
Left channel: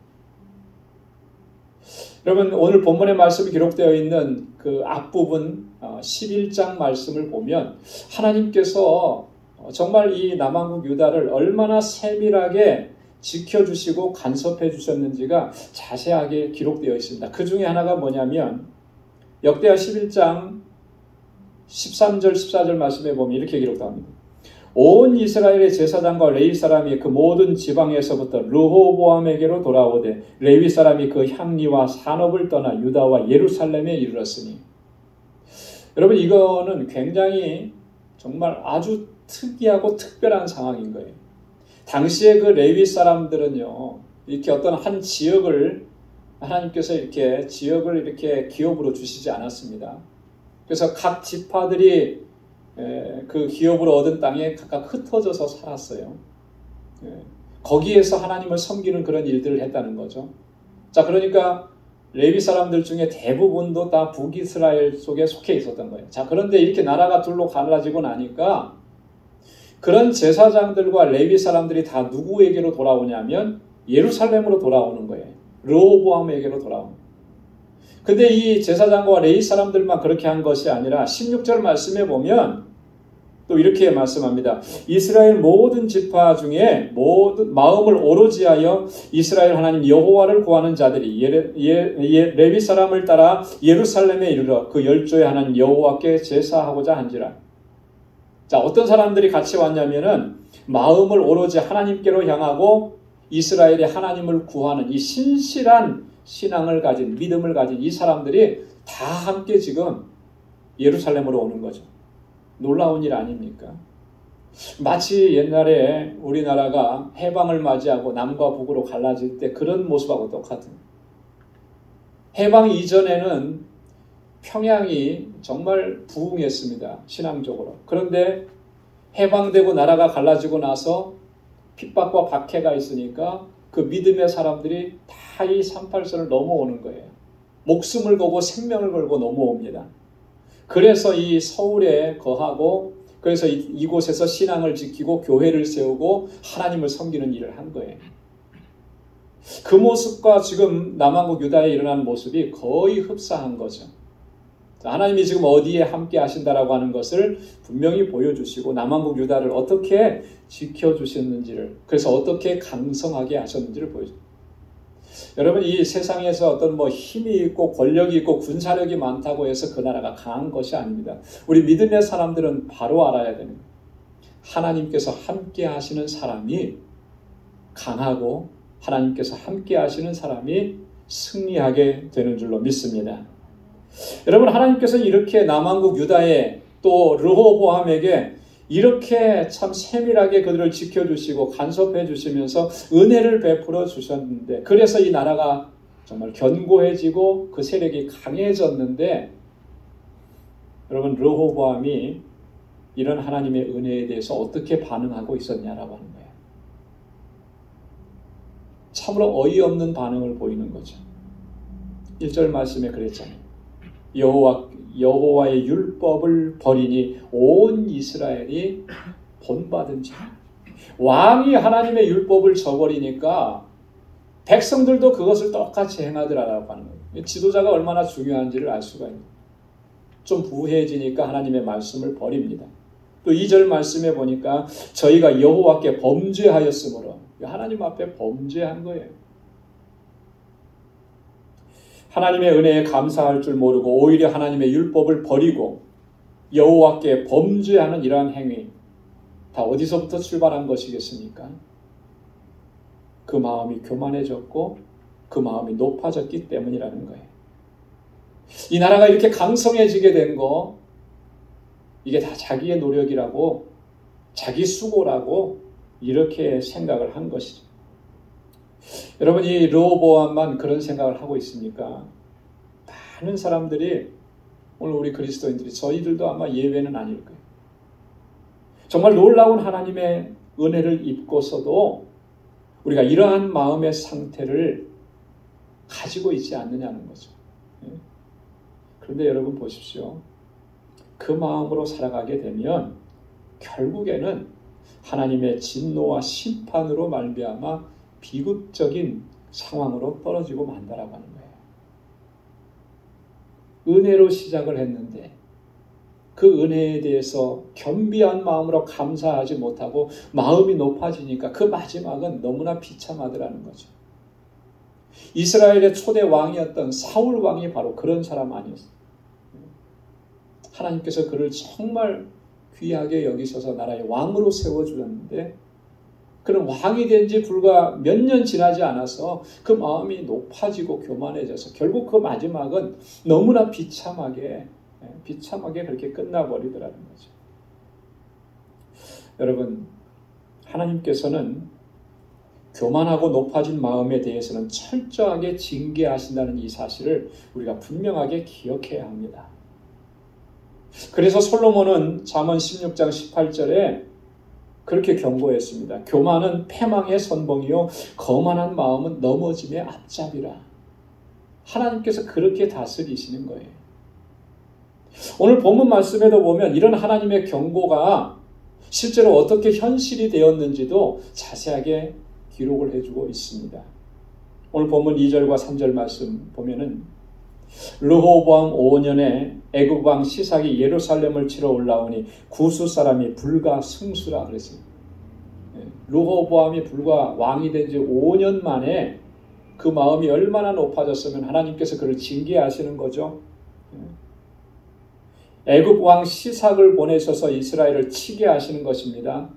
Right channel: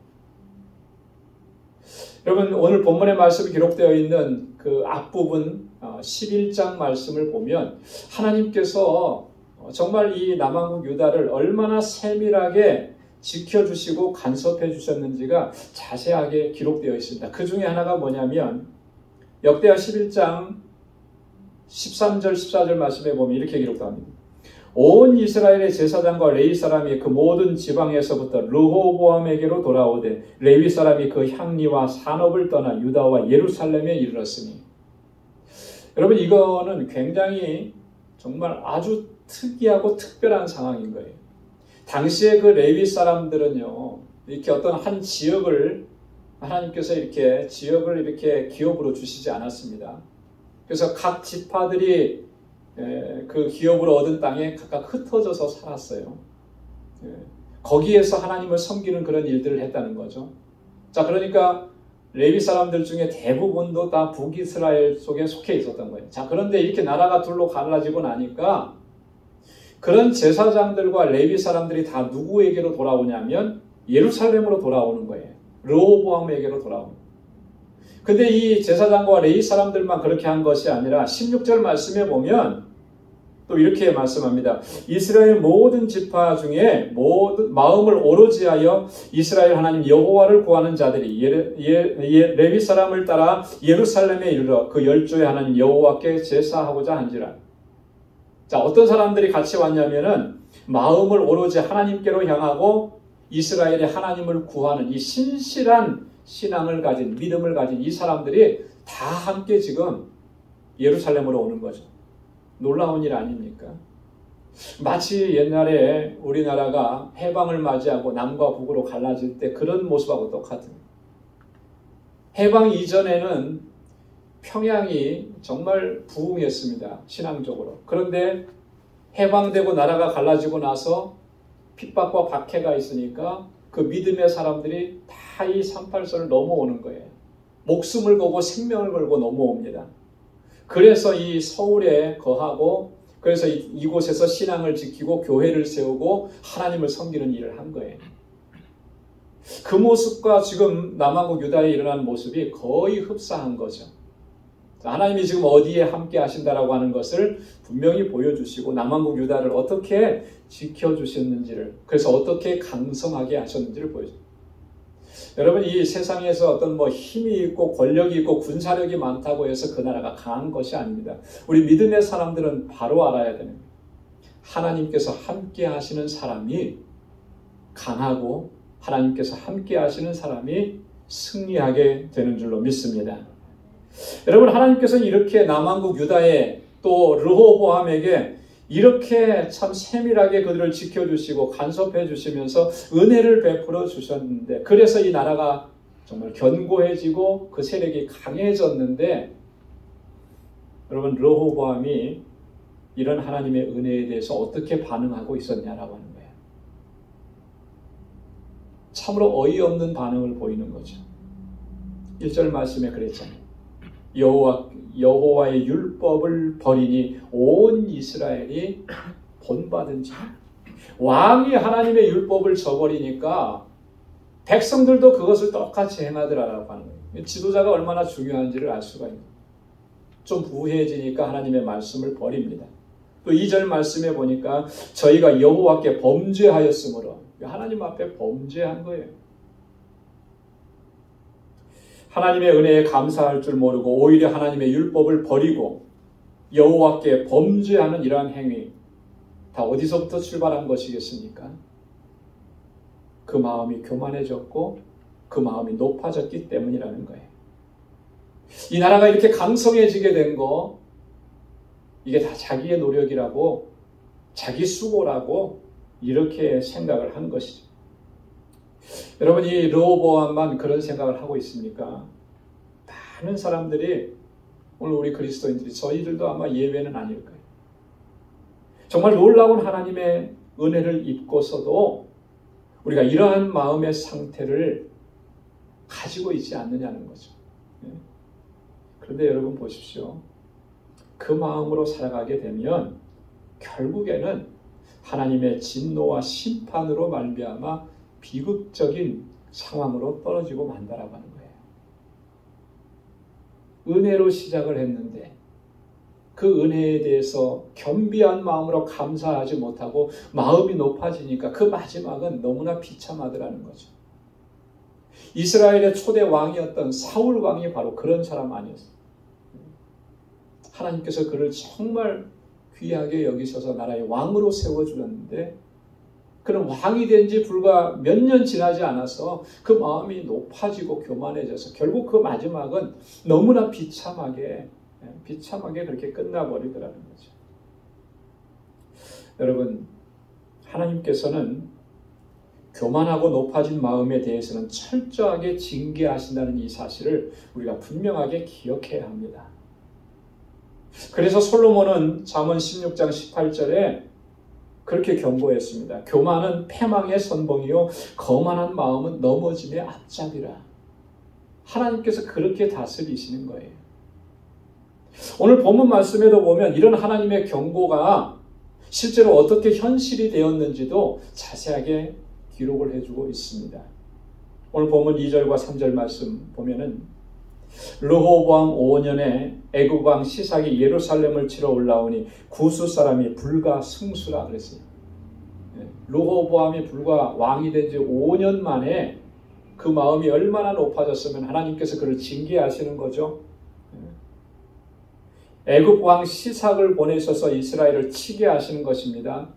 여러분, 오늘 본문의 말씀이 기록되어 있는 그 앞부분 11장 말씀을 보면 하나님께서 정말 이 남왕국 유다를 얼마나 세밀하게 지켜주시고 간섭해 주셨는지가 자세하게 기록되어 있습니다. 그 중에 하나가 뭐냐면 역대하 11장 13절 14절 말씀에 보면 이렇게 기록합니다. 온 이스라엘의 제사장과 레위 사람이 그 모든 지방에서부터 르호보암에게로 돌아오되 레위 사람이 그 향리와 산업을 떠나 유다와 예루살렘에 이르렀으니. 여러분, 이거는 굉장히 정말 아주 특이하고 특별한 상황인 거예요. 당시에 그 레위 사람들은요, 이렇게 어떤 한 지역을 하나님께서 이렇게 지역을 이렇게 기업으로 주시지 않았습니다. 그래서 각 지파들이 그 기업으로 얻은 땅에 각각 흩어져서 살았어요. 거기에서 하나님을 섬기는 그런 일들을 했다는 거죠. 자, 그러니까 레위 사람들 중에 대부분도 다 북이스라엘 속에 속해 있었던 거예요. 자, 그런데 이렇게 나라가 둘로 갈라지고 나니까 그런 제사장들과 레위 사람들이 다 누구에게로 돌아오냐면 예루살렘으로 돌아오는 거예요. 르호보암에게로 돌아오는 거예요. 근데 이 제사장과 레위 사람들만 그렇게 한 것이 아니라 16절 말씀에 보면 또 이렇게 말씀합니다. 이스라엘 모든 지파 중에 모든 마음을 오로지 하여 이스라엘 하나님 여호와를 구하는 자들이 레위 사람을 따라 예루살렘에 이르러 그 열조의 하나님 여호와께 제사하고자 한지라. 자, 어떤 사람들이 같이 왔냐면은 마음을 오로지 하나님께로 향하고 이스라엘이 하나님을 구하는 이 신실한 신앙을 가진, 믿음을 가진 이 사람들이 다 함께 지금 예루살렘으로 오는 거죠. 놀라운 일 아닙니까? 마치 옛날에 우리나라가 해방을 맞이하고 남과 북으로 갈라질 때 그런 모습하고 똑같은. 해방 이전에는 평양이 정말 부흥했습니다. 신앙적으로. 그런데 해방되고 나라가 갈라지고 나서 핍박과 박해가 있으니까 그 믿음의 사람들이 다 이 38선을 넘어오는 거예요. 목숨을 걸고 생명을 걸고 넘어옵니다. 그래서 이 서울에 거하고 그래서 이곳에서 신앙을 지키고 교회를 세우고 하나님을 섬기는 일을 한 거예요. 그 모습과 지금 남왕국 유다에 일어난 모습이 거의 흡사한 거죠. 하나님이 지금 어디에 함께 하신다라고 하는 것을 분명히 보여주시고 남왕국 유다를 어떻게 지켜주셨는지를, 그래서 어떻게 강성하게 하셨는지를 보여줍니다. 여러분, 이 세상에서 어떤 힘이 있고 권력이 있고 군사력이 많다고 해서 그 나라가 강한 것이 아닙니다. 우리 믿음의 사람들은 바로 알아야 됩니다. 하나님께서 함께 하시는 사람이 강하고 하나님께서 함께 하시는 사람이 승리하게 되는 줄로 믿습니다. 여러분, 하나님께서 이렇게 남왕국 유다에 또 르호보암에게 이렇게 참 세밀하게 그들을 지켜주시고 간섭해 주시면서 은혜를 베풀어 주셨는데, 그래서 이 나라가 정말 견고해지고 그 세력이 강해졌는데, 여러분, 르호보암이 이런 하나님의 은혜에 대해서 어떻게 반응하고 있었냐라고 하는 거예요. 참으로 어이없는 반응을 보이는 거죠. 1절 말씀에 그랬잖아요. 여호와의 율법을 버리니 온 이스라엘이 본받은 자. 왕이 하나님의 율법을 저버리니까 백성들도 그것을 똑같이 행하더라라고 하는 거예요. 지도자가 얼마나 중요한지를 알 수가 있는 거예요. 좀 부해지니까 하나님의 말씀을 버립니다. 또 2절 말씀에 보니까 저희가 여호와께 범죄하였으므로, 하나님 앞에 범죄한 거예요. 하나님의 은혜에 감사할 줄 모르고 오히려 하나님의 율법을 버리고 여호와께 범죄하는 이러한 행위, 다 어디서부터 출발한 것이겠습니까? 그 마음이 교만해졌고 그 마음이 높아졌기 때문이라는 거예요. 이 나라가 이렇게 강성해지게 된 거, 이게 다 자기의 노력이라고, 자기 수고라고 이렇게 생각을 한 것이죠. 여러분, 이 르호보암만 그런 생각을 하고 있습니까? 많은 사람들이, 오늘 우리 그리스도인들이, 저희들도 아마 예외는 아닐 거예요. 정말 놀라운 하나님의 은혜를 입고서도 우리가 이러한 마음의 상태를 가지고 있지 않느냐는 거죠. 그런데 여러분 보십시오. 그 마음으로 살아가게 되면 결국에는 하나님의 진노와 심판으로 말미암아 비극적인 상황으로 떨어지고 만다라고 하는 거예요. 은혜로 시작을 했는데 그 은혜에 대해서 겸비한 마음으로 감사하지 못하고 마음이 높아지니까 그 마지막은 너무나 비참하더라는 거죠. 이스라엘의 초대 왕이었던 사울 왕이 바로 그런 사람 아니었어요. 하나님께서 그를 정말 귀하게 여기셔서 나라의 왕으로 세워주었는데 그는 왕이 된 지 불과 몇 년 지나지 않아서 그 마음이 높아지고 교만해져서 결국 그 마지막은 너무나 비참하게 그렇게 끝나버리더라는 거죠. 여러분, 하나님께서는 교만하고 높아진 마음에 대해서는 철저하게 징계하신다는 이 사실을 우리가 분명하게 기억해야 합니다. 그래서 솔로몬은 잠언 16장 18절에 그렇게 경고했습니다. 교만은 패망의 선봉이요 거만한 마음은 넘어짐의 앞잡이라. 하나님께서 그렇게 다스리시는 거예요. 오늘 본문 말씀에도 보면 이런 하나님의 경고가 실제로 어떻게 현실이 되었는지도 자세하게 기록을 해주고 있습니다. 오늘 본문 2절과 3절 말씀 보면은 르호보암 5년에 애굽 왕 시삭이 예루살렘을 치러 올라오니 구스 사람이 불과 승수라 그랬어요. 르호보암이 불과 왕이 된 지 5년 만에 그 마음이 얼마나 높아졌으면 하나님께서 그를 징계하시는 거죠. 애굽 왕 시삭을 보내셔서 이스라엘을 치게 하시는 것입니다.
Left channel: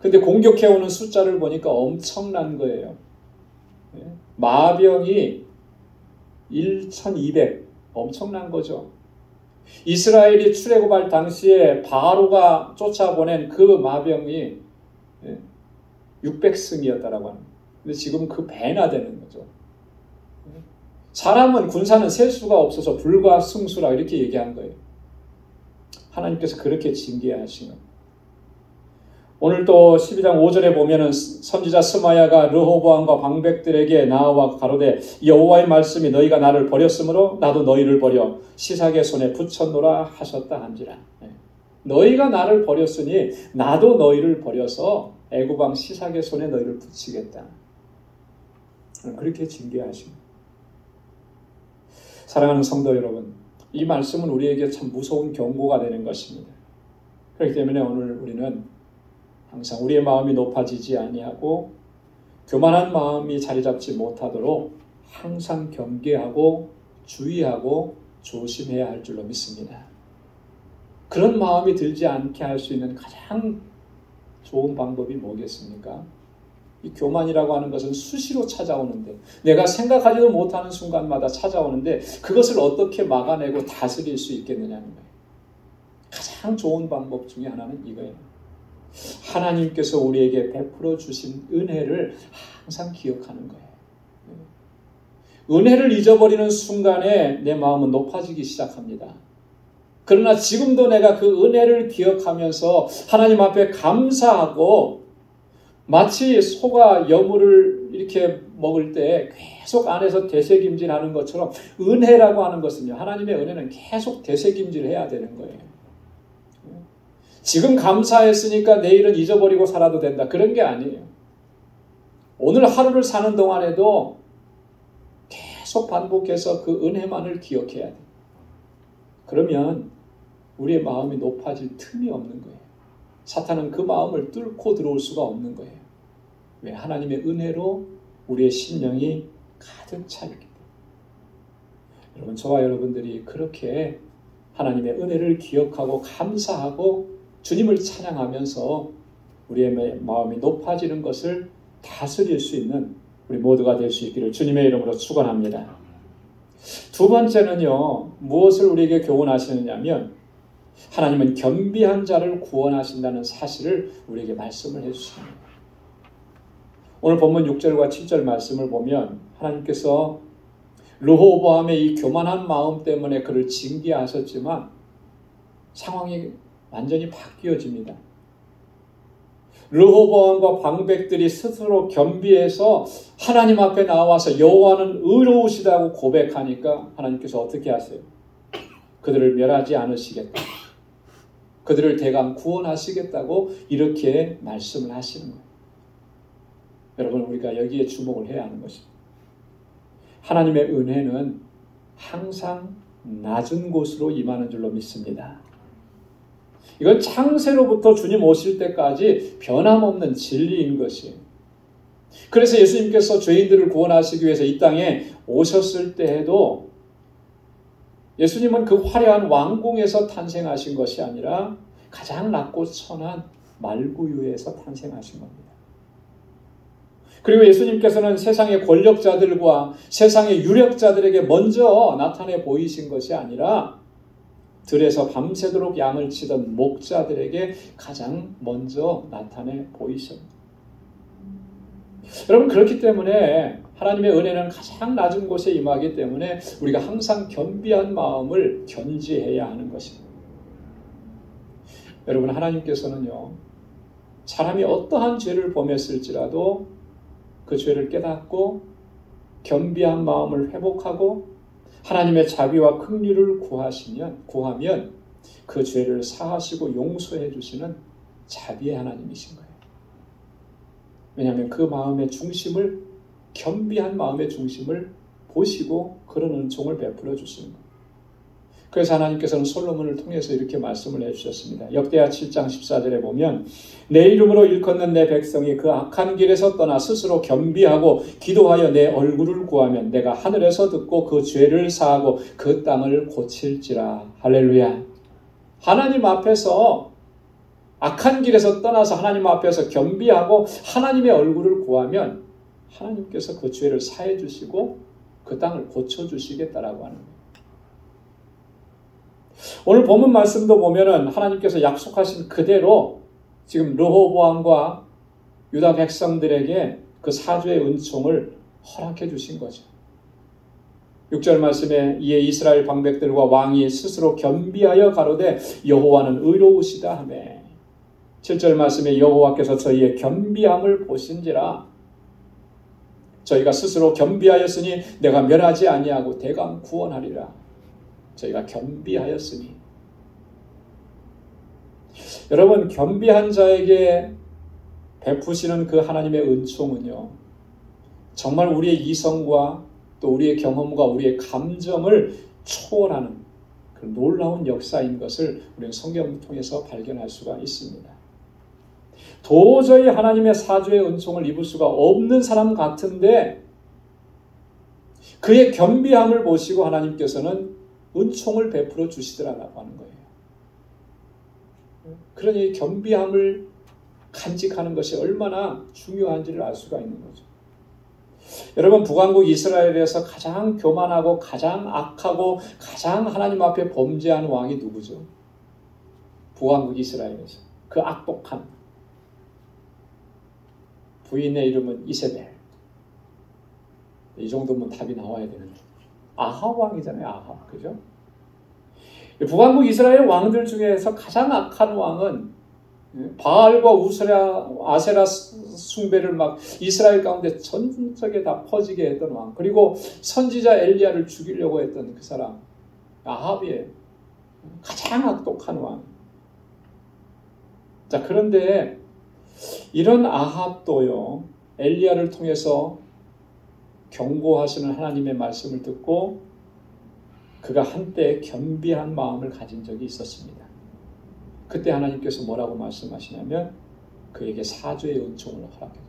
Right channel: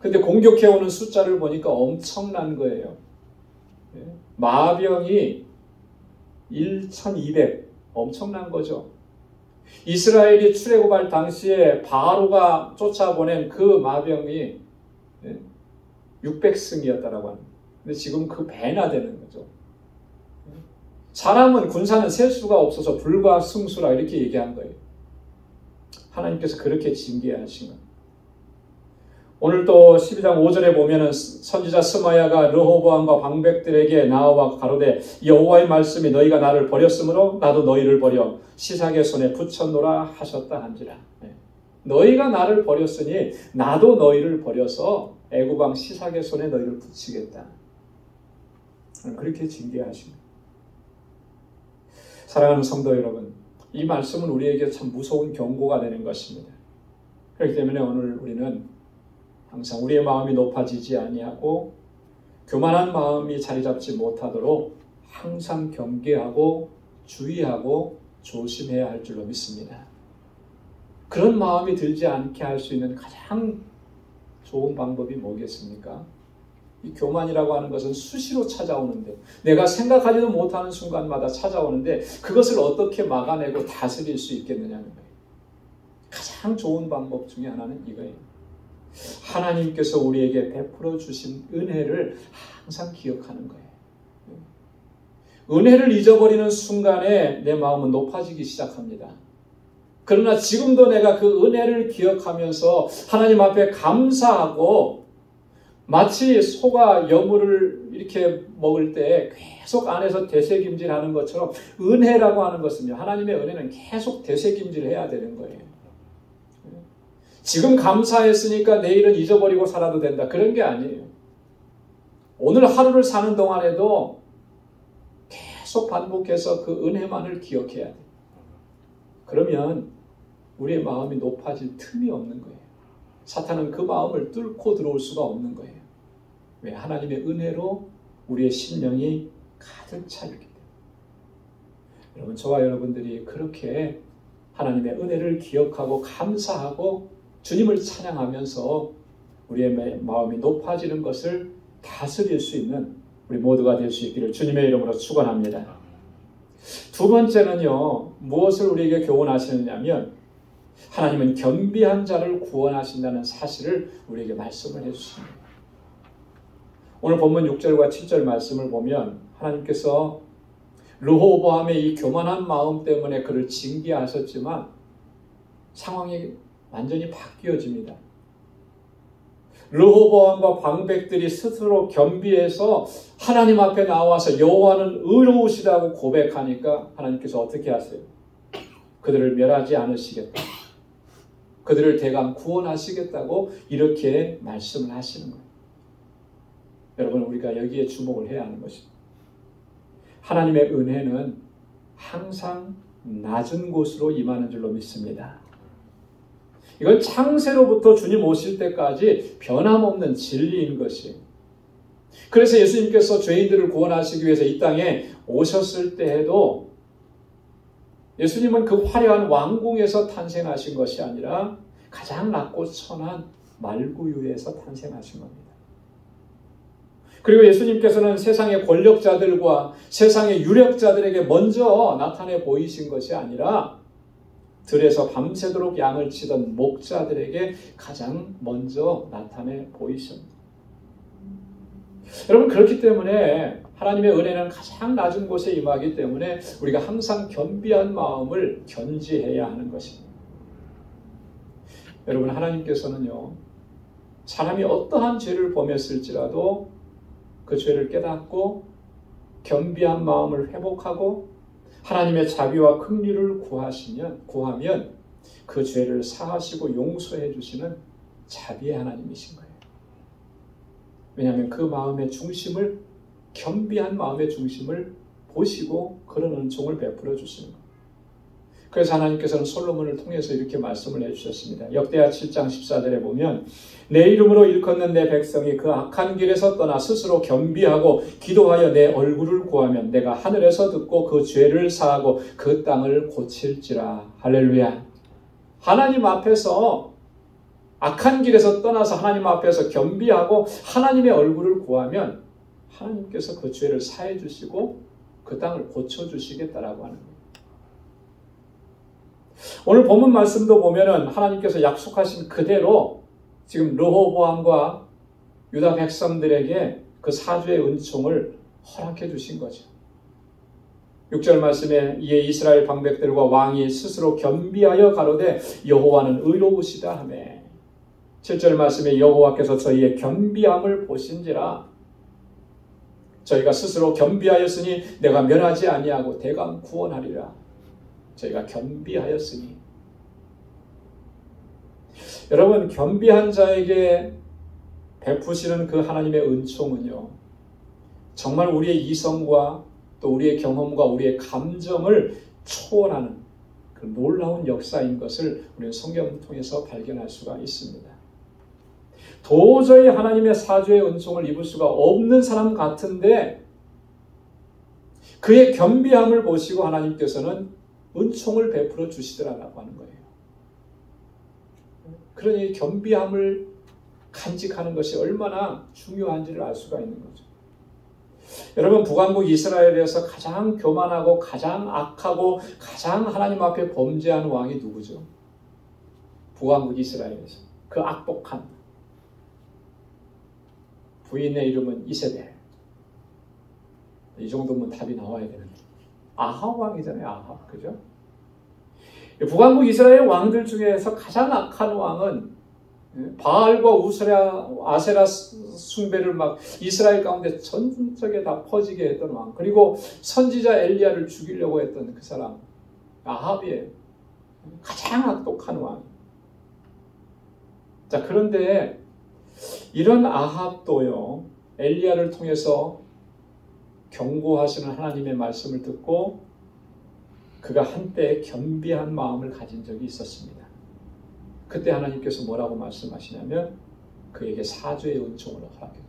근데 공격해오는 숫자를 보니까 엄청난 거예요. 마병이 1,200, 엄청난 거죠. 이스라엘이 출애굽할 당시에 바로가 쫓아보낸 그 마병이 600승이었다라고 하는 거예요. 근데 지금 그 배나 되는 거죠. 사람은, 군사는 셀 수가 없어서 불과 승수라 이렇게 얘기한 거예요. 하나님께서 그렇게 징계하시는. 오늘 또 12장 5절에 보면은 선지자 스마야가 르호보암과 방백들에게 나와 가로되 여호와의 말씀이 너희가 나를 버렸으므로 나도 너희를 버려 시삭의 손에 붙였노라 하셨다 한지라. 너희가 나를 버렸으니 나도 너희를 버려서 애굽 왕 시삭의 손에 너희를 붙이겠다. 그렇게 징계하십니다. 사랑하는 성도 여러분, 이 말씀은 우리에게 참 무서운 경고가 되는 것입니다. 그렇기 때문에 오늘 우리는 항상 우리의 마음이 높아지지 아니하고 교만한 마음이 자리 잡지 못하도록 항상 경계하고 주의하고 조심해야 할 줄로 믿습니다. 그런 마음이 들지 않게 할 수 있는 가장 좋은 방법이 뭐겠습니까? 이 교만이라고 하는 것은 수시로 찾아오는데 내가 생각하지도 못하는 순간마다 찾아오는데 그것을 어떻게 막아내고 다스릴 수 있겠느냐는 거예요. 가장 좋은 방법 중에 하나는 이거예요. 하나님께서 우리에게 베풀어 주신 은혜를 항상 기억하는 거예요. 은혜를 잊어버리는 순간에 내 마음은 높아지기 시작합니다. 그러나 지금도 내가 그 은혜를 기억하면서 하나님 앞에 감사하고 마치 소가 여물을 이렇게 먹을 때 계속 안에서 되새김질하는 것처럼 은혜라고 하는 것은요, 하나님의 은혜는 계속 되새김질해야 되는 거예요. 지금 감사했으니까 내일은 잊어버리고 살아도 된다. 그런 게 아니에요. 오늘 하루를 사는 동안에도 계속 반복해서 그 은혜만을 기억해야 돼요. 그러면 우리의 마음이 높아질 틈이 없는 거예요. 사탄은 그 마음을 뚫고 들어올 수가 없는 거예요. 왜? 하나님의 은혜로 우리의 심령이 가득 차있기 때문에. 여러분, 저와 여러분들이 그렇게 하나님의 은혜를 기억하고 감사하고 주님을 찬양하면서 우리의 마음이 높아지는 것을 다스릴 수 있는 우리 모두가 될 수 있기를 주님의 이름으로 축원합니다. 두 번째는요, 무엇을 우리에게 교훈하시느냐면 하나님은 겸비한 자를 구원하신다는 사실을 우리에게 말씀을 해주십니다. 오늘 본문 6절과 7절 말씀을 보면 하나님께서 르호보암의 이 교만한 마음 때문에 그를 징계하셨지만 상황이 완전히 바뀌어집니다. 르호보암과 방백들이 스스로 겸비해서 하나님 앞에 나와서 여호와는 의로우시다고 고백하니까 하나님께서 어떻게 하세요? 그들을 멸하지 않으시겠다. 그들을 대강 구원하시겠다고 이렇게 말씀을 하시는 거예요. 여러분, 우리가 여기에 주목을 해야 하는 것입니다. 하나님의 은혜는 항상 낮은 곳으로 임하는 줄로 믿습니다. 이건 창세로부터 주님 오실 때까지 변함없는 진리인 것이에요. 그래서 예수님께서 죄인들을 구원하시기 위해서 이 땅에 오셨을 때에도 예수님은 그 화려한 왕궁에서 탄생하신 것이 아니라 가장 낮고 천한 말구유에서 탄생하신 겁니다. 그리고 예수님께서는 세상의 권력자들과 세상의 유력자들에게 먼저 나타내 보이신 것이 아니라 들에서 밤새도록 양을 치던 목자들에게 가장 먼저 나타내 보이셨습니다. 여러분, 그렇기 때문에 하나님의 은혜는 가장 낮은 곳에 임하기 때문에 우리가 항상 겸비한 마음을 견지해야 하는 것입니다. 여러분, 하나님께서는요, 사람이 어떠한 죄를 범했을지라도 그 죄를 깨닫고 겸비한 마음을 회복하고 하나님의 자비와 긍휼을 구하면 그 죄를 사하시고 용서해 주시는 자비의 하나님이신 거예요. 왜냐하면 그 마음의 중심을, 겸비한 마음의 중심을 보시고 그런 은총을 베풀어 주시는 거예요. 그래서 하나님께서는 솔로몬을 통해서 이렇게 말씀을 해주셨습니다. 역대하 7장 14절에 보면 내 이름으로 일컫는 내 백성이 그 악한 길에서 떠나 스스로 겸비하고 기도하여 내 얼굴을 구하면 내가 하늘에서 듣고 그 죄를 사하고 그 땅을 고칠지라. 할렐루야. 하나님 앞에서 악한 길에서 떠나서 하나님 앞에서 겸비하고 하나님의 얼굴을 구하면 하나님께서 그 죄를 사해 주시고 그 땅을 고쳐주시겠다라고 하는 거예요. 오늘 본문 말씀도 보면은 하나님께서 약속하신 그대로 지금 르호보암과 유다 백성들에게 그 사죄의 은총을 허락해 주신 거죠. 6절 말씀에 이에 이스라엘 방백들과 왕이 스스로 겸비하여 가로되 여호와는 의로우시다 하며 7절 말씀에 여호와께서 저희의 겸비함을 보신지라. 저희가 스스로 겸비하였으니 내가 멸하지 아니하고 대강 구원하리라. 저희가 겸비하였으니. 여러분, 겸비한 자에게 베푸시는 그 하나님의 은총은요, 정말 우리의 이성과 또 우리의 경험과 우리의 감정을 초월하는 그 놀라운 역사인 것을 우리는 성경을 통해서 발견할 수가 있습니다. 도저히 하나님의 사죄의 은총을 입을 수가 없는 사람 같은데 그의 겸비함을 보시고 하나님께서는 은총을 베풀어 주시더라라고 하는 거예요. 그러니 겸비함을 간직하는 것이 얼마나 중요한지를 알 수가 있는 거죠. 여러분, 북왕국 이스라엘에서 가장 교만하고 가장 악하고 가장 하나님 앞에 범죄하는 왕이 누구죠? 북왕국 이스라엘에서 그 악독한 부인의 이름은 이세벨. 이 정도면 답이 나와야 되는데 아합 왕이잖아요. 아합, 그죠? 북왕국 이스라엘 왕들 중에서 가장 악한 왕은 바알과 아세라 숭배를 막 이스라엘 가운데 전적에 다 퍼지게 했던 왕, 그리고 선지자 엘리야를 죽이려고 했던 그 사람 아합이에요. 가장 악독한 왕. 자, 그런데 이런 아합도요, 엘리야를 통해서 경고하시는 하나님의 말씀을 듣고 그가 한때 겸비한 마음을 가진 적이 있었습니다. 그때 하나님께서 뭐라고 말씀하시냐면 그에게 사죄의 은총을 허락해요.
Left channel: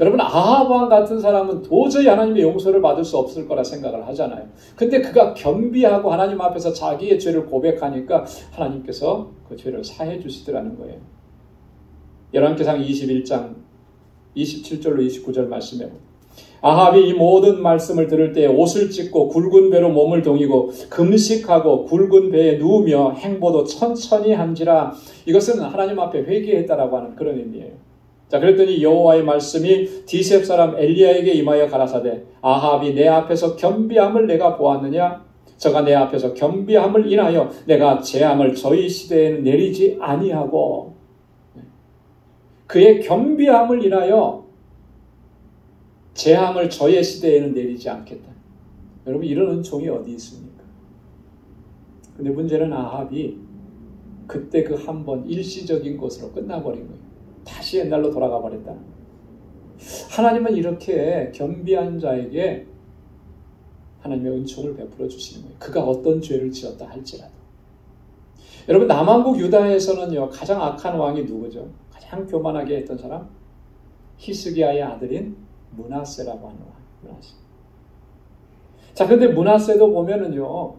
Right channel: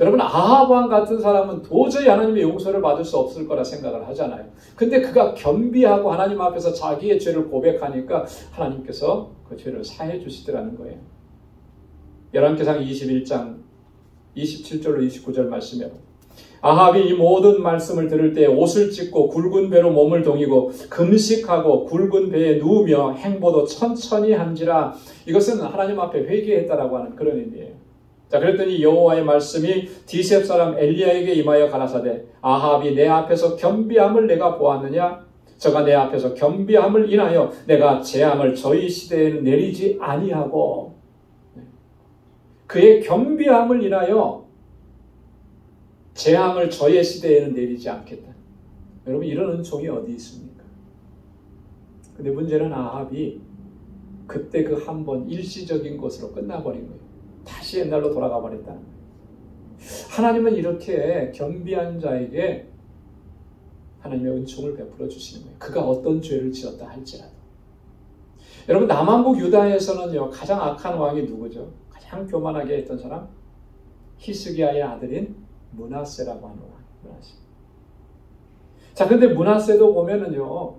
여러분, 아합 왕 같은 사람은 도저히 하나님의 용서를 받을 수 없을 거라 생각을 하잖아요. 근데 그가 겸비하고 하나님 앞에서 자기의 죄를 고백하니까 하나님께서 그 죄를 사해 주시더라는 거예요. 열왕기상 21장 27절로 29절 말씀에 아합이 이 모든 말씀을 들을 때 옷을 찢고 굵은 배로 몸을 동이고 금식하고 굵은 배에 누우며 행보도 천천히 한지라. 이것은 하나님 앞에 회개했다라고 하는 그런 의미예요. 자, 그랬더니 여호와의 말씀이 디셉 사람 엘리야에게 임하여 가라사대 아합이 내 앞에서 겸비함을 내가 보았느냐? 저가 내 앞에서 겸비함을 인하여 내가 재앙을 저희 시대에 내리지 아니하고 그의 겸비함을 인하여 재앙을 저의 시대에는 내리지 않겠다. 여러분, 이런 은총이 어디 있습니까? 근데 문제는 아합이 그때 그 한 번 일시적인 것으로 끝나버린 거예요. 다시 옛날로 돌아가 버렸다는 거예요. 하나님은 이렇게 겸비한 자에게 하나님의 은총을 베풀어 주시는 거예요. 그가 어떤 죄를 지었다 할지라도. 여러분, 남왕국 유다에서는요, 가장 악한 왕이 누구죠? 가장 교만하게 했던 사람? 히스기야의 아들인 므낫세라고 하는 왕. 므낫세. 자, 근데 므낫세도 보면은요,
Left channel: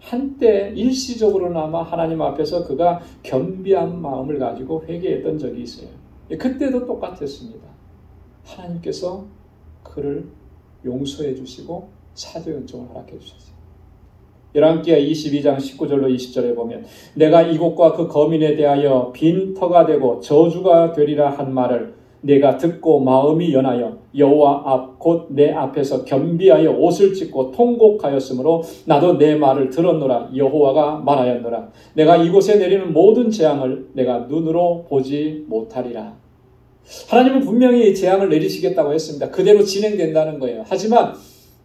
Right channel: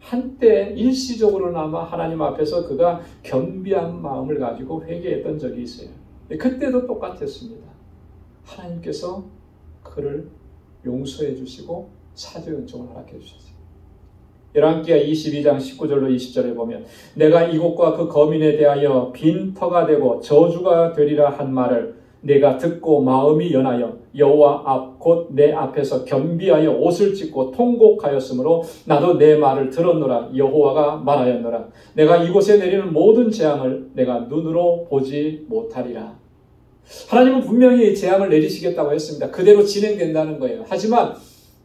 한때 일시적으로나마 하나님 앞에서 그가 겸비한 마음을 가지고 회개했던 적이 있어요. 그때도 똑같았습니다. 하나님께서 그를 용서해 주시고 사죄 은총을 허락해 주셨어요. 열왕기하 22장 19절로 20절에 보면 내가 이곳과 그 거민에 대하여 빈터가 되고 저주가 되리라 한 말을 내가 듣고 마음이 연하여 여호와 앞 곧 내 앞에서 겸비하여 옷을 찢고 통곡하였으므로 나도 내 말을 들었노라. 여호와가 말하였노라. 내가 이곳에 내리는 모든 재앙을 내가 눈으로 보지 못하리라. 하나님은 분명히 재앙을 내리시겠다고 했습니다. 그대로 진행된다는 거예요. 하지만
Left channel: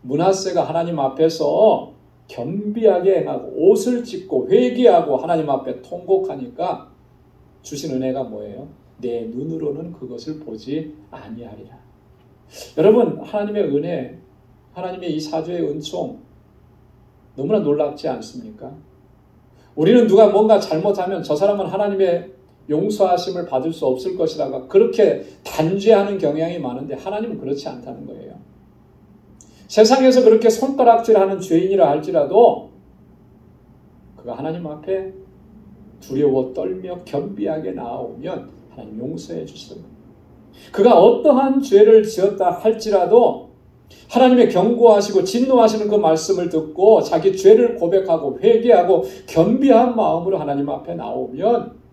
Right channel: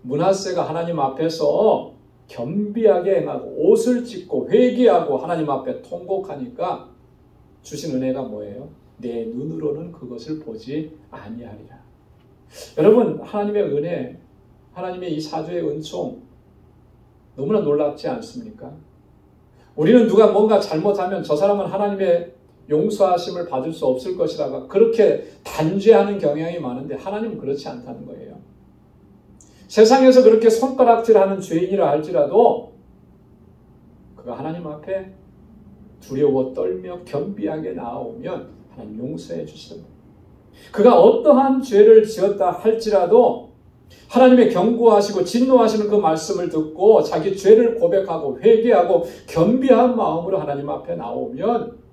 므낫세가 하나님 앞에서 겸비하게 행하고 옷을 찢고 회개하고 하나님 앞에 통곡하니까 주신 은혜가 뭐예요? 내 눈으로는 그것을 보지 아니하리라. 여러분, 하나님의 은혜, 하나님의 이 사죄의 은총 너무나 놀랍지 않습니까? 우리는 누가 뭔가 잘못하면 저 사람은 하나님의 용서하심을 받을 수 없을 것이라고 그렇게 단죄하는 경향이 많은데 하나님은 그렇지 않다는 거예요. 세상에서 그렇게 손가락질하는 죄인이라 할지라도 그가 하나님 앞에 두려워 떨며 겸비하게 나아오면 하나님 용서해 주시옵니다. 그가 어떠한 죄를 지었다 할지라도 하나님의 경고하시고 진노하시는 그 말씀을 듣고 자기 죄를 고백하고 회개하고 겸비한 마음으로 하나님 앞에 나오면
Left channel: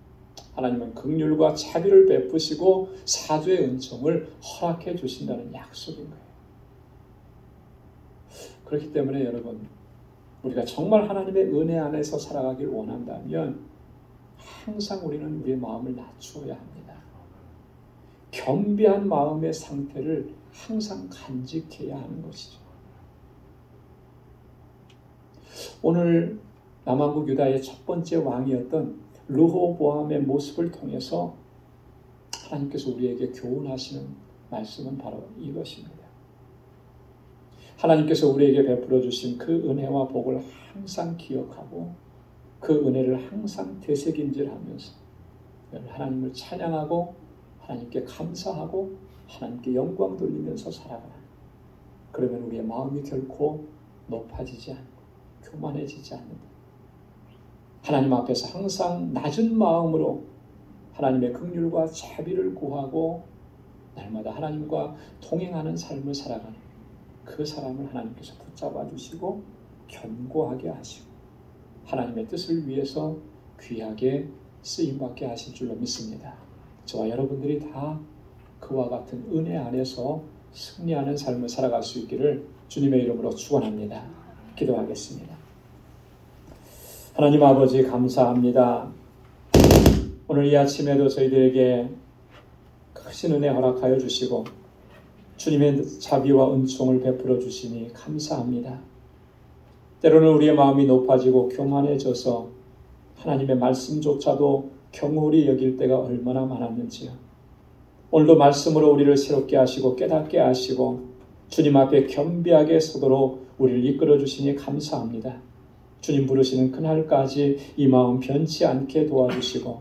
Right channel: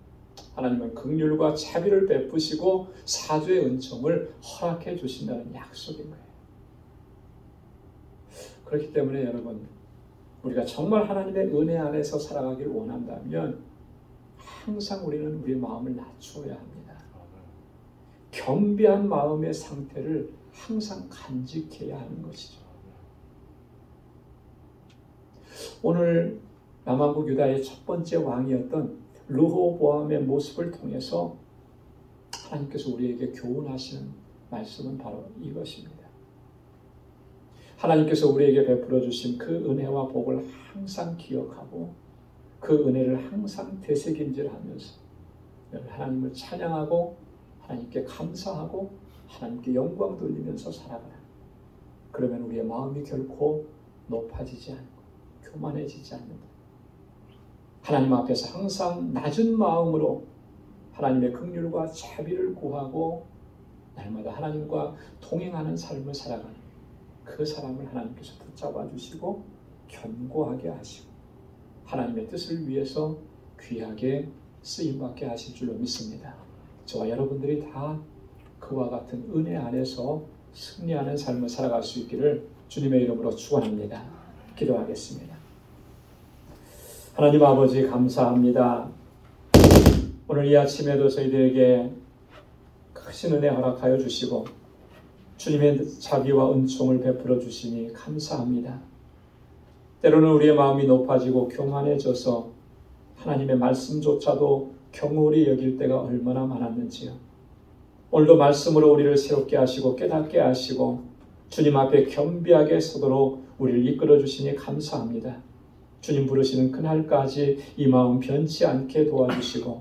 하나님은 긍휼과 자비를 베푸시고 사죄의 은총을 허락해 주신다는 약속인 거예요. 그렇기 때문에 여러분, 우리가 정말 하나님의 은혜 안에서 살아가길 원한다면 항상 우리는 우리의 마음을 낮추어야 합니다. 겸비한 마음의 상태를 항상 간직해야 하는 것이죠. 오늘 남왕국 유다의 첫 번째 왕이었던 르호보암의 모습을 통해서 하나님께서 우리에게 교훈하시는 말씀은 바로 이것입니다. 하나님께서 우리에게 베풀어 주신 그 은혜와 복을 항상 기억하고 그 은혜를 항상 되새김질하면서 하나님을 찬양하고 하나님께 감사하고 하나님께 영광 돌리면서 살아가라. 그러면 우리의 마음이 결코 높아지지 않고 교만해지지 않는다. 하나님 앞에서 항상 낮은 마음으로 하나님의 긍휼과 자비를 구하고 날마다 하나님과 동행하는 삶을 살아가는 그 사람을 하나님께서 붙잡아 주시고 견고하게 하시고 하나님의 뜻을 위해서 귀하게 쓰임받게 하실 줄로 믿습니다. 저와 여러분들이 다 그와 같은 은혜 안에서 승리하는 삶을 살아갈 수 있기를 주님의 이름으로 축원합니다. 기도하겠습니다. 하나님 아버지, 감사합니다. 오늘 이 아침에도 저희들에게 크신 은혜 허락하여 주시고 주님의 자비와 은총을 베풀어 주시니 감사합니다. 때로는 우리의 마음이 높아지고 교만해져서 하나님의 말씀조차도 경홀히 여길 때가 얼마나 많았는지요. 오늘도 말씀으로 우리를 새롭게 하시고 깨닫게 하시고 주님 앞에 겸비하게 서도록 우리를 이끌어 주시니 감사합니다. 주님 부르시는 그날까지 이 마음 변치 않게 도와주시고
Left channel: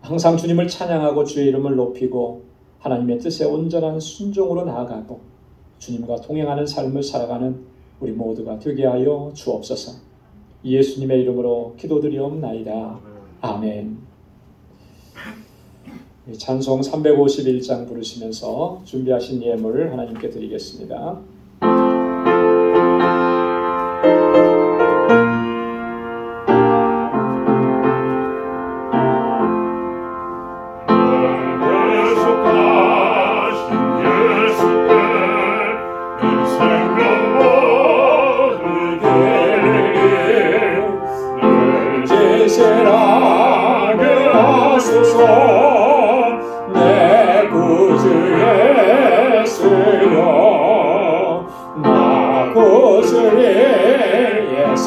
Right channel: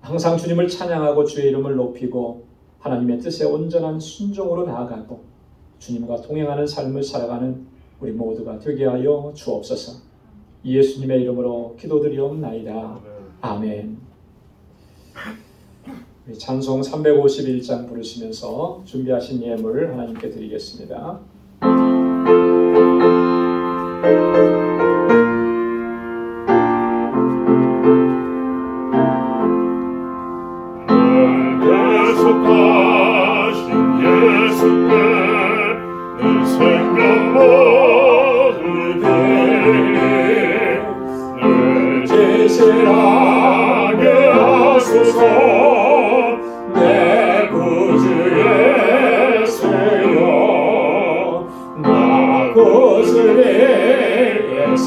항상 주님을 찬양하고 주의 이름을 높이고 하나님의 뜻에 온전한 순종으로 나아가고 주님과 동행하는 삶을 살아가는 우리 모두가 되게 하여 주옵소서. 예수님의 이름으로 기도드리옵나이다. 아멘. 찬송 351장 부르시면서 준비하신 예물을 하나님께 드리겠습니다.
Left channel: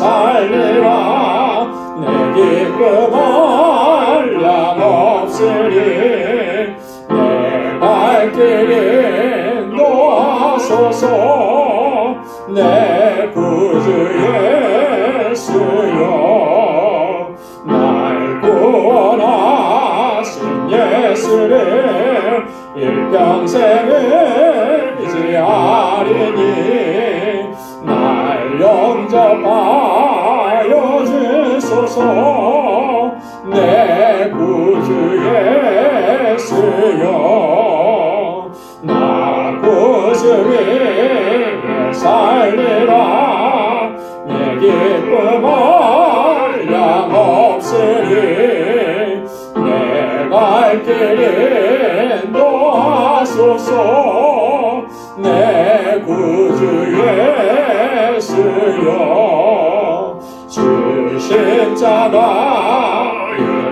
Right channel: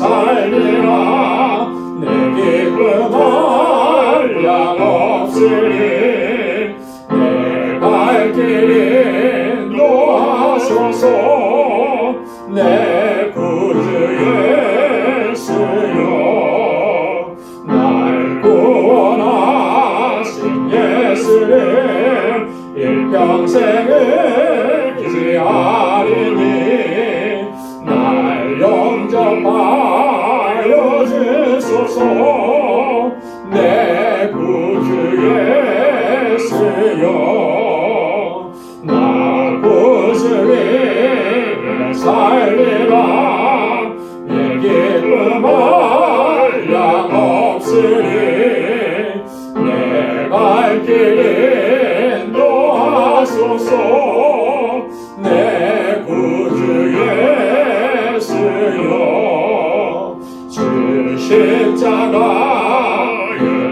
살리라. 내 기쁨은 양 없으니 내 발길 인도하소서. 내 구주 예수여 날 구원하신 예수를 일평생을 의지하리니 날 영접하여 주소서. 내 구주 예수여 나 구주 위에 살리라. 내 기쁨은 양 없으리 내 갈 길 인도하소서. 내 구주 예수여 주 십자가에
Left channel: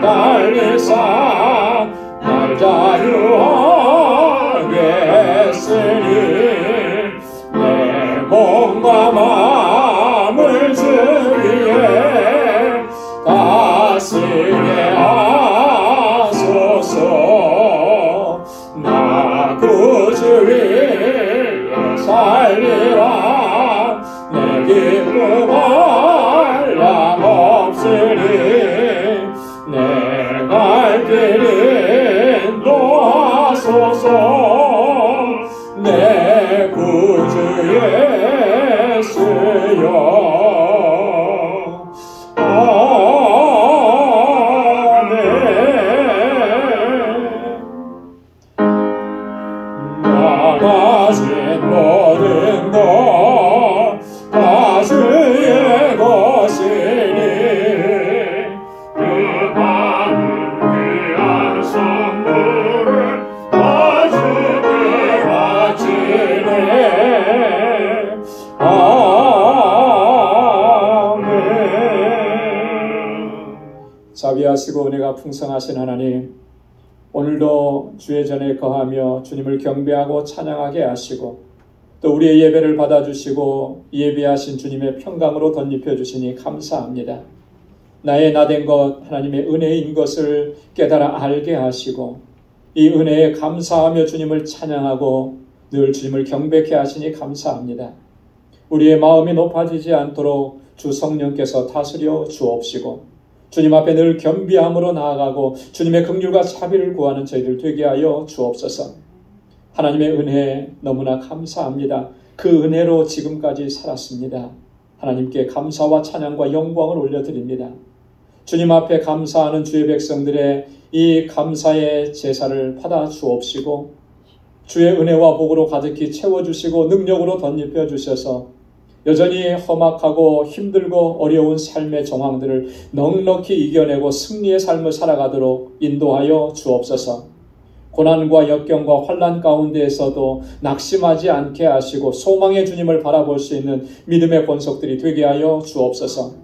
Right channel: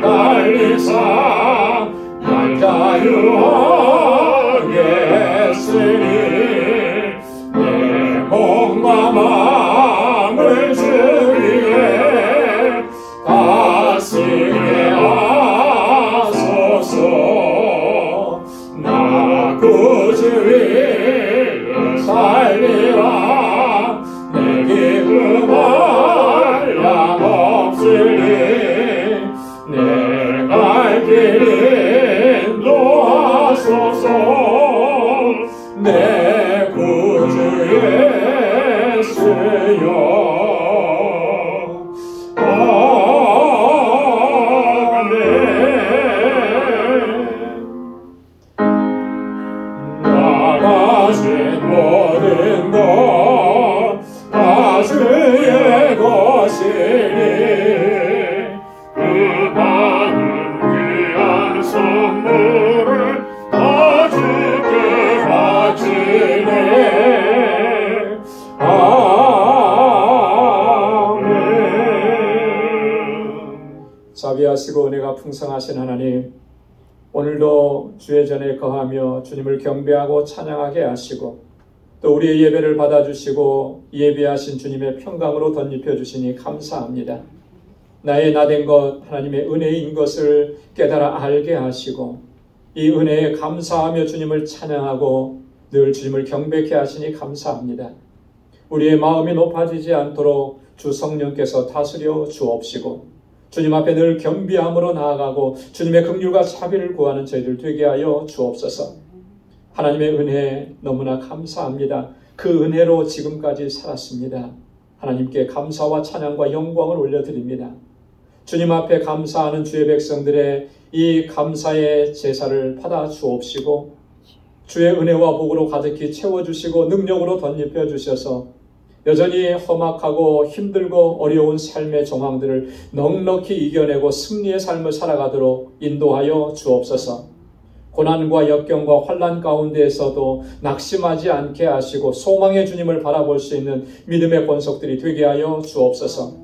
달리사 날 자유하게 했으니 내 몸과 마음을 주 위에 다스리게 하소서. 나 구주 위에 살리라. 내 기쁨은 양 없으니 내 갈 길 인도하소서. 내 구주 예수여 아멘. 나 가진 모든 것 다 주의 것이니 그 많은 귀한 선물을 다 주께 바치네. 아멘. 자비하시고 은혜가 풍성하신 하나님, 오늘도 주의 전에 거하며 주님을 경배하고 찬양하게 하시고 또 우리의 예배를 받아주시고 예비하신 주님의 평강으로 덧입혀 주시니 감사합니다. 나의 나된 것 하나님의 은혜인 것을 깨달아 알게 하시고 이 은혜에 감사하며 주님을 찬양하고 늘 주님을 경배케 하시니 감사합니다. 우리의 마음이 높아지지 않도록 주 성령께서 다스려 주옵시고 주님 앞에 늘 겸비함으로 나아가고 주님의 긍휼과 자비를 구하는 저희들 되게 하여 주옵소서. 하나님의 은혜에 너무나 감사합니다. 그 은혜로 지금까지 살았습니다. 하나님께 감사와 찬양과 영광을 올려드립니다. 주님 앞에 감사하는 주의 백성들의 이 감사의 제사를 받아 주옵시고 주의 은혜와 복으로 가득히 채워주시고 능력으로 덧입혀 주셔서 여전히 험악하고 힘들고 어려운 삶의 정황들을 넉넉히 이겨내고 승리의 삶을 살아가도록 인도하여 주옵소서. 고난과 역경과 환난 가운데에서도 낙심하지 않게 하시고 소망의 주님을 바라볼 수 있는 믿음의 권속들이 되게 하여 주옵소서.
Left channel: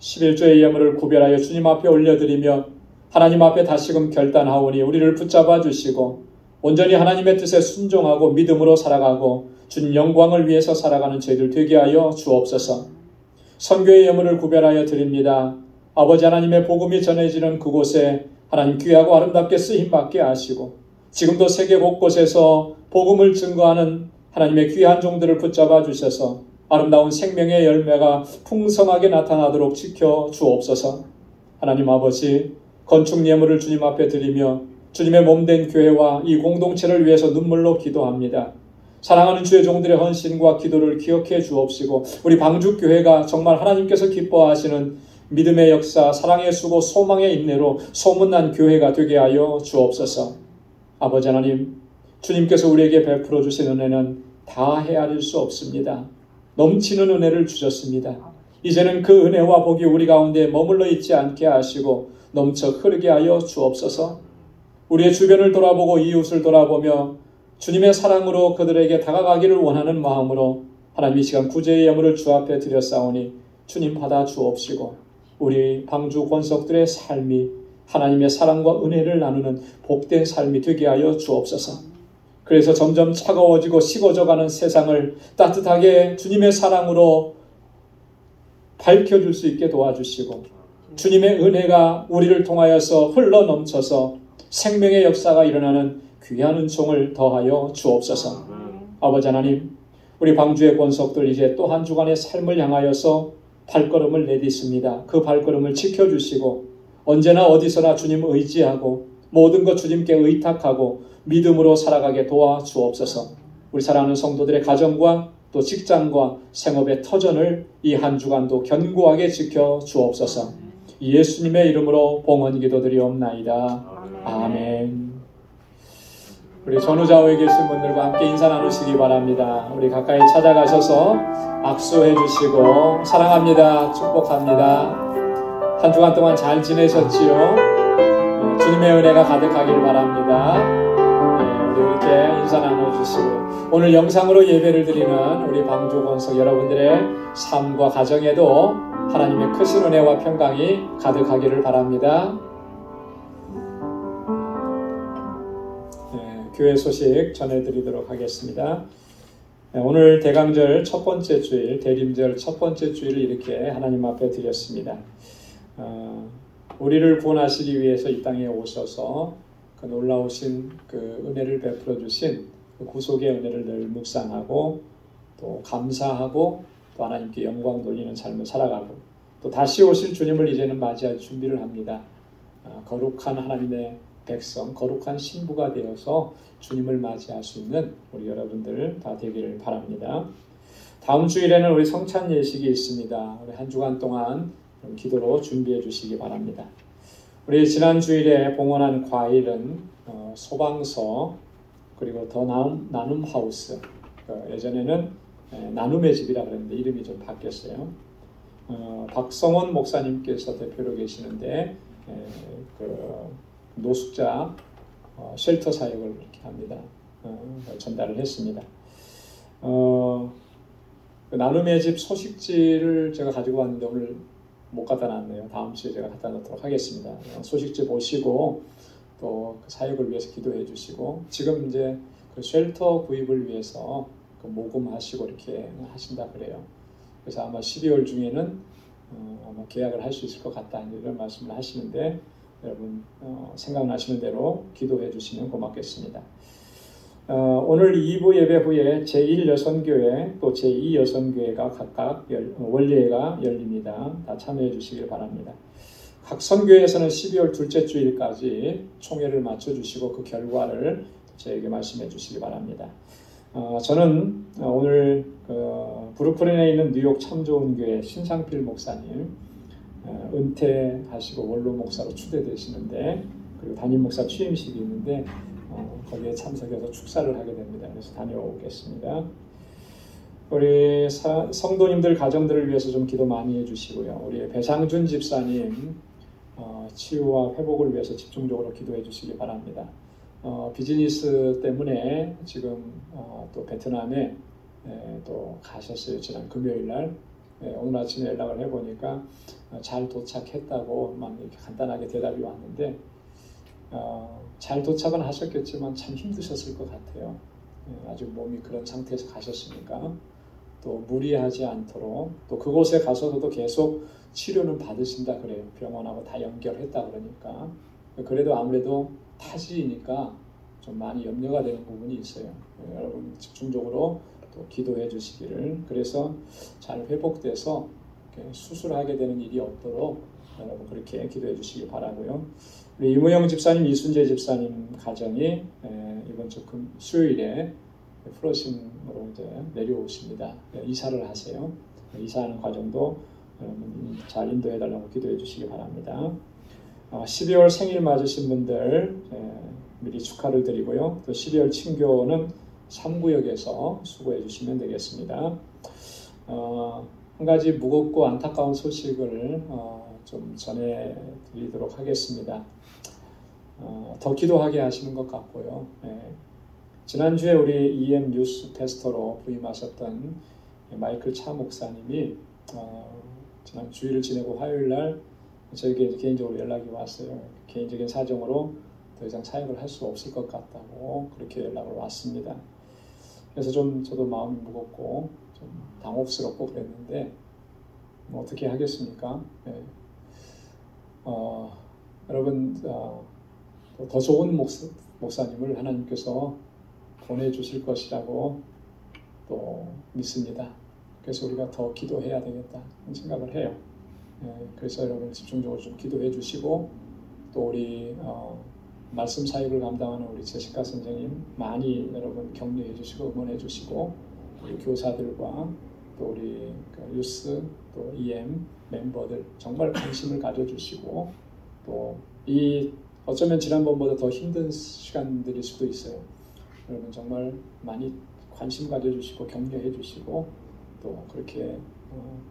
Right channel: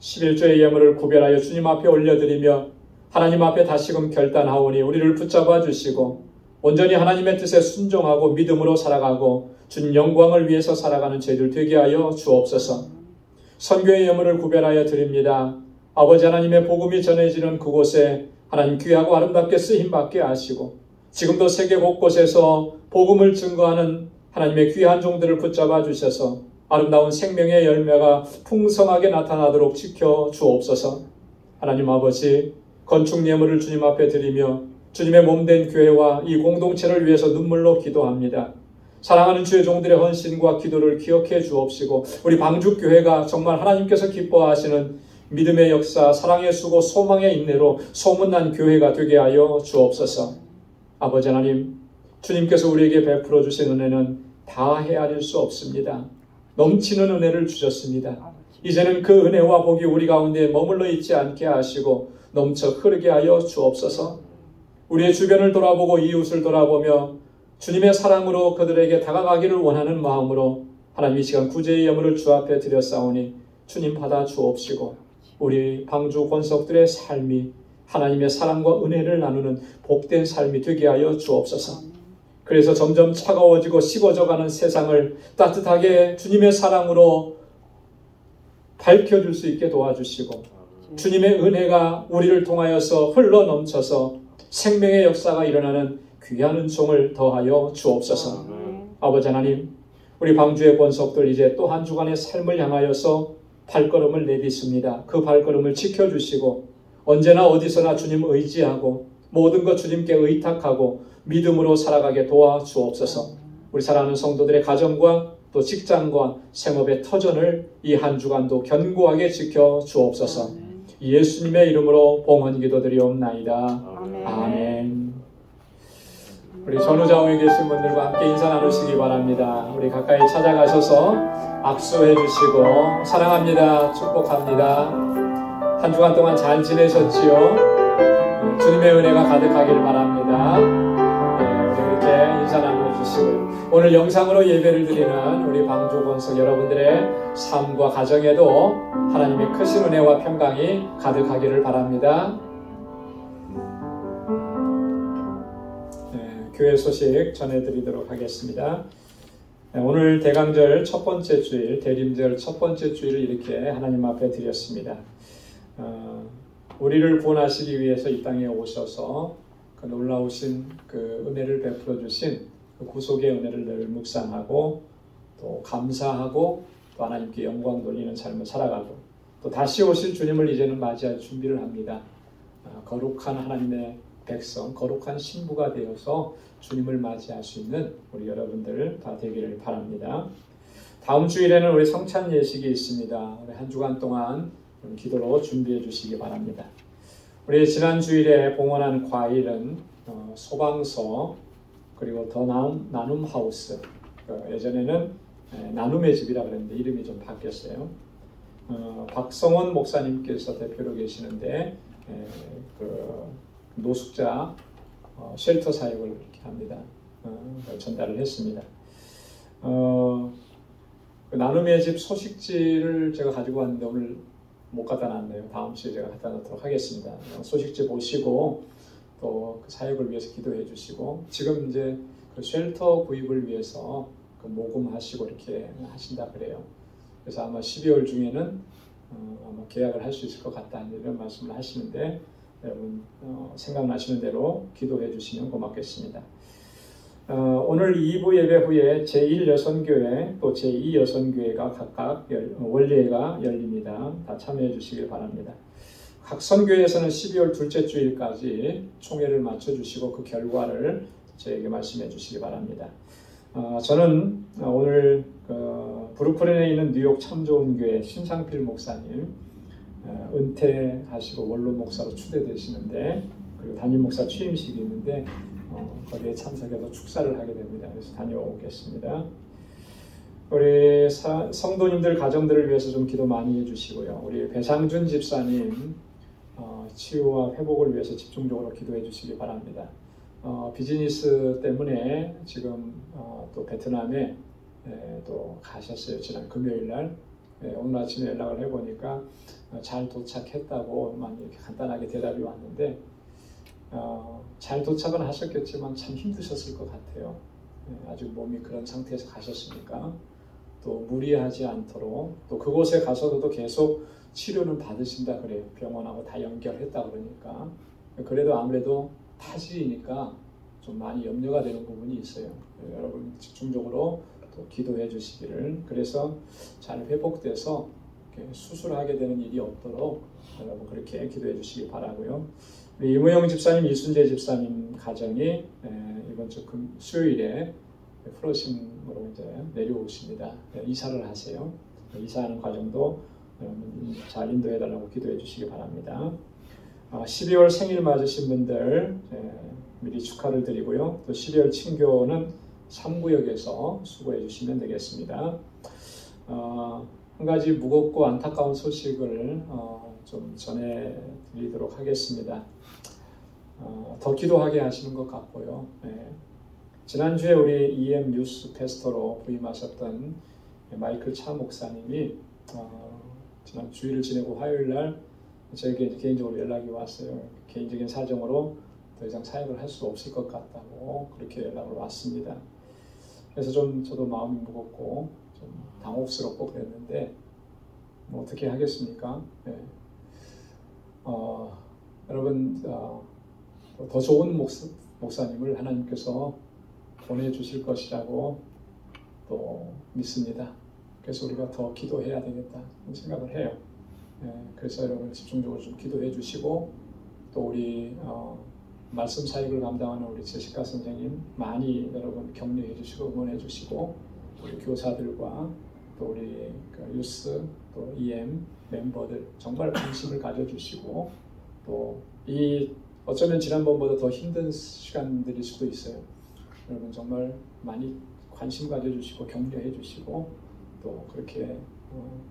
11조의 예물을 구별하여 주님 앞에 올려드리며 하나님 앞에 다시금 결단하오니 우리를 붙잡아 주시고 온전히 하나님의 뜻에 순종하고 믿음으로 살아가고 주님 영광을 위해서 살아가는 저희들 되게 하여 주옵소서. 선교의 예물을 구별하여 드립니다. 아버지 하나님의 복음이 전해지는 그곳에 하나님 귀하고 아름답게 쓰임받게 하시고 지금도 세계 곳곳에서 복음을 증거하는 하나님의 귀한 종들을 붙잡아 주셔서 아름다운 생명의 열매가 풍성하게 나타나도록 지켜 주옵소서. 하나님 아버지, 건축 예물을 주님 앞에 드리며 주님의 몸된 교회와 이 공동체를 위해서 눈물로 기도합니다. 사랑하는 주의 종들의 헌신과 기도를 기억해 주옵시고 우리 방주교회가 정말 하나님께서 기뻐하시는 믿음의 역사, 사랑의 수고, 소망의 인내로 소문난 교회가 되게 하여 주옵소서. 아버지 하나님, 주님께서 우리에게 베풀어 주신 은혜는 다 헤아릴 수 없습니다. 넘치는 은혜를 주셨습니다. 이제는 그 은혜와 복이 우리 가운데 머물러 있지 않게 하시고 넘쳐 흐르게 하여 주옵소서. 우리의 주변을 돌아보고 이웃을 돌아보며 주님의 사랑으로 그들에게 다가가기를 원하는 마음으로 하나님 이 시간 구제의 예물을 주 앞에 드렸사오니 주님 받아 주옵시고 우리 방주 권속들의 삶이 하나님의 사랑과 은혜를 나누는 복된 삶이 되게 하여 주옵소서. 그래서 점점 차가워지고 식어져가는 세상을 따뜻하게 주님의 사랑으로 밝혀줄 수 있게 도와주시고 주님의 은혜가 우리를 통하여서 흘러넘쳐서 생명의 역사가 일어나는 귀한 은총을 더하여 주옵소서. 아버지 하나님, 우리 방주의 권속들 이제 또 한 주간의 삶을 향하여서 발걸음을 내딛습니다. 그 발걸음을 지켜주시고 언제나 어디서나 주님 의지하고 모든 것 주님께 의탁하고 믿음으로 살아가게 도와주옵소서. 우리 사랑하는 성도들의 가정과 또 직장과 생업의 터전을 이 한 주간도 견고하게 지켜주옵소서. 예수님의 이름으로 봉헌 기도드리옵나이다. 아멘. 우리 전후좌우에 계신 분들과 함께 인사 나누시기 바랍니다. 우리 가까이 찾아가셔서 악수해 주시고 사랑합니다. 축복합니다. 한 주간 동안 잘 지내셨지요? 주님의 은혜가 가득하길 바랍니다. 우리 이렇게 인사 나눠주시고 오늘 영상으로 예배를 드리는 우리 방주 권속 여러분들의 삶과 가정에도 하나님의 크신 은혜와 평강이 가득하기를 바랍니다. 교회 소식 전해드리도록 하겠습니다. 오늘 대강절 첫 번째 주일, 대림절 첫 번째 주일을 이렇게 하나님 앞에 드렸습니다. 우리를 구원하시기 위해서 이 땅에 오셔서 그 놀라우신 그 은혜를 베풀어 주신 그 구속의 은혜를 늘 묵상하고 또 감사하고 또 하나님께 영광 돌리는 삶을 살아가고 또 다시 오실 주님을 이제는 맞이할 준비를 합니다. 거룩한 하나님의 백성, 거룩한 신부가 되어서 주님을 맞이할 수 있는 우리 여러분들 다 되기를 바랍니다. 다음 주일에는 우리 성찬 예식이 있습니다. 우리 한 주간 동안 기도로 준비해 주시기 바랍니다. 우리 지난 주일에 봉헌한 과일은 소방서 그리고 더 나눔 하우스, 예전에는 나눔의 집이라고 했는데 이름이 좀 바뀌었어요. 박성원 목사님께서 대표로 계시는데 그 노숙자 쉘터 사역을 이렇게 합니다. 전달을 했습니다. 나눔의 집 소식지를 제가 가지고 왔는데 오늘 못 갖다 놨네요. 다음 주에 제가 갖다 놓도록 하겠습니다. 소식지 보시고 또 그 사역을 위해서 기도해 주시고 지금 이제 그 쉘터 구입을 위해서 그 모금하시고 이렇게 하신다 그래요. 그래서 아마 12월 중에는 아마 계약을 할 수 있을 것 같다 이런 말씀을 하시는데 여러분 생각나시는 대로 기도해 주시면 고맙겠습니다. 오늘 2부 예배 후에 제1여선교회 또 제2여선교회가 각각 원리회가 열립니다. 다 참여해 주시길 바랍니다. 각 선교회에서는 12월 둘째 주일까지 총회를 마쳐주시고 그 결과를 저에게 말씀해 주시기 바랍니다. 저는 오늘 브루클린에 있는 뉴욕 참 좋은 교회 신상필 목사님 은퇴하시고 원로 목사로 추대되시는데 그리고 담임 목사 취임식이 있는데 거기에 참석해서 축사를 하게 됩니다. 그래서 다녀오겠습니다. 우리 성도님들 가정들을 위해서 좀 기도 많이 해주시고요. 우리 배상준 집사님 치유와 회복을 위해서 집중적으로 기도해 주시기 바랍니다. 비즈니스 때문에 지금 또 베트남에 또 가셨어요. 지난 금요일날. 오늘 아침에 연락을 해보니까 잘 도착했다고 이렇게 간단하게 대답이 왔는데 잘 도착은 하셨겠지만 참 힘드셨을 것 같아요. 아주 몸이 그런 상태에서 가셨으니까 또 무리하지 않도록 또 그곳에 가서도 계속 치료는 받으신다 그래요. 병원하고 다 연결했다 그러니까 그래도 아무래도 타지이니까 좀 많이 염려가 되는 부분이 있어요. 여러분 집중적으로 또 기도해 주시기를 그래서 잘 회복돼서 수술하게 되는 일이 없도록 여러분 그렇게 기도해 주시기 바라고요. 우리 이무영 집사님, 이순재 집사님 가정이 이번 주 수요일에 플러싱으로 이제 내려오십니다. 이사를 하세요. 이사하는 과정도 잘 인도해 달라고 기도해 주시기 바랍니다. 12월 생일 맞으신 분들 미리 축하를 드리고요. 또 12월 친교는 3구역에서 수고해 주시면 되겠습니다. 한 가지 무겁고 안타까운 소식을 좀 전해드리도록 하겠습니다. 더 기도하게 하시는 것 같고요. 지난주에 우리 EM 뉴스 패스터로 부임하셨던 마이클 차 목사님이 지난 주일을 지내고 화요일날 저에게 개인적으로 연락이 왔어요. 개인적인 사정으로 더 이상 사역을 할 수 없을 것 같다고 그렇게 연락을 왔습니다. 그래서 좀 저도 마음이 무겁고 좀 당혹스럽고 그랬는데 뭐 어떻게 하겠습니까? 네. 여러분 더 좋은 목사님을 하나님께서 보내주실 것이라고 또 믿습니다. 그래서 우리가 더 기도해야 되겠다 생각을 해요. 그래서 여러분 집중적으로 좀 기도해 주시고 또 우리 말씀 사역을 감당하는 우리 제시카 선생님 많이 여러분 격려해 주시고 응원해 주시고 우리 교사들과 또 우리 유스 또 EM 멤버들 정말 관심을 가져주시고 또 이 어쩌면 지난번보다 더 힘든 시간들일 수도 있어요. 여러분 정말 많이 관심 가져주시고 격려해 주시고 또 그렇게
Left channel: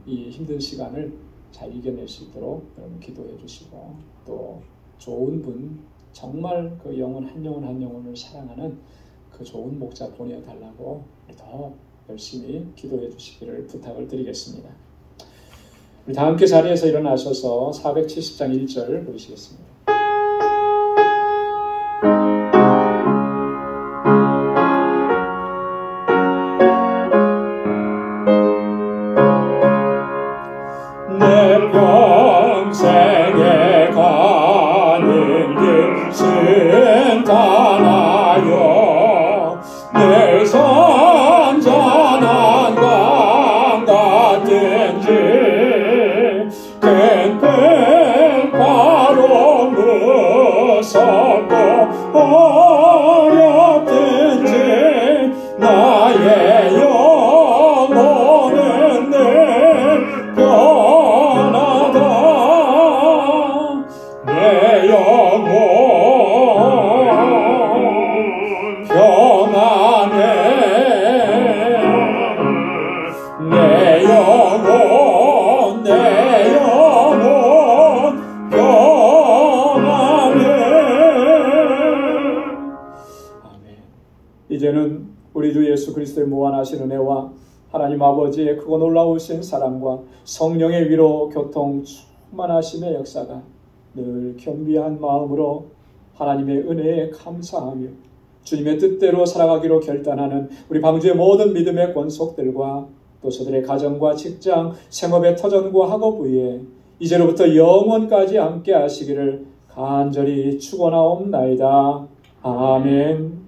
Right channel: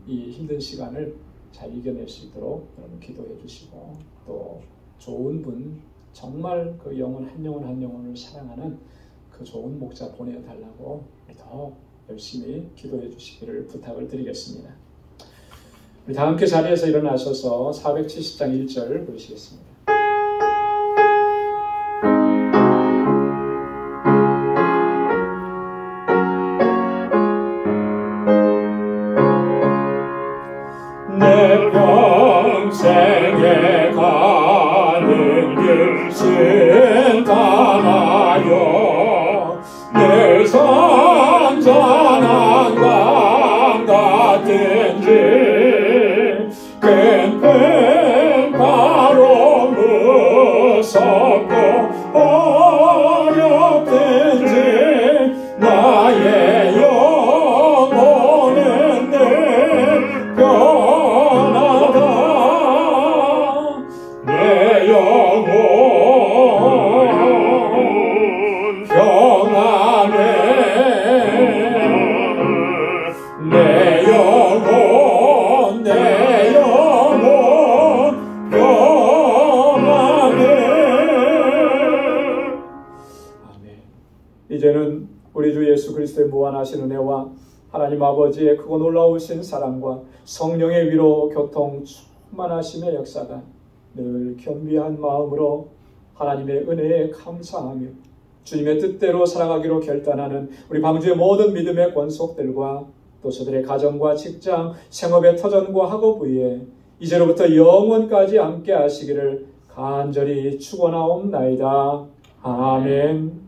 이 힘든 시간을 잘 이겨낼 수 있도록 여러분 기도해 주시고 또 좋은 분 정말 그 영혼 한 영혼을 사랑하는 그 좋은 목자 보내달라고 더 열심히 기도해 주시기를 부탁을 드리겠습니다. 우리 다 함께 자리에서 일어나셔서 470장 1절 부르시겠습니다. 내 평생에 가는 길 순탄하여 늘 선전한 강 같은지 큰 바로 무섭고 어렵든지 나의 영혼은 늘 변하다 내 영혼 평안해 내 영혼 평안해. 아멘. 이제는 우리 주 예수 그리스도의 무한하신 은혜와 하나님 아버지의 크고 놀라우신 사랑과 성령의 위로 교통 충만하심의 역사가 늘 겸비한 마음으로 하나님의 은혜에 감사하며 주님의 뜻대로 살아가기로 결단하는 우리 방주의 모든 믿음의 권속들과 또 저들의 가정과 직장, 생업의 터전과 학업 위에 이제로부터 영원까지 함께 하시기를 간절히 축원하옵나이다. 아멘.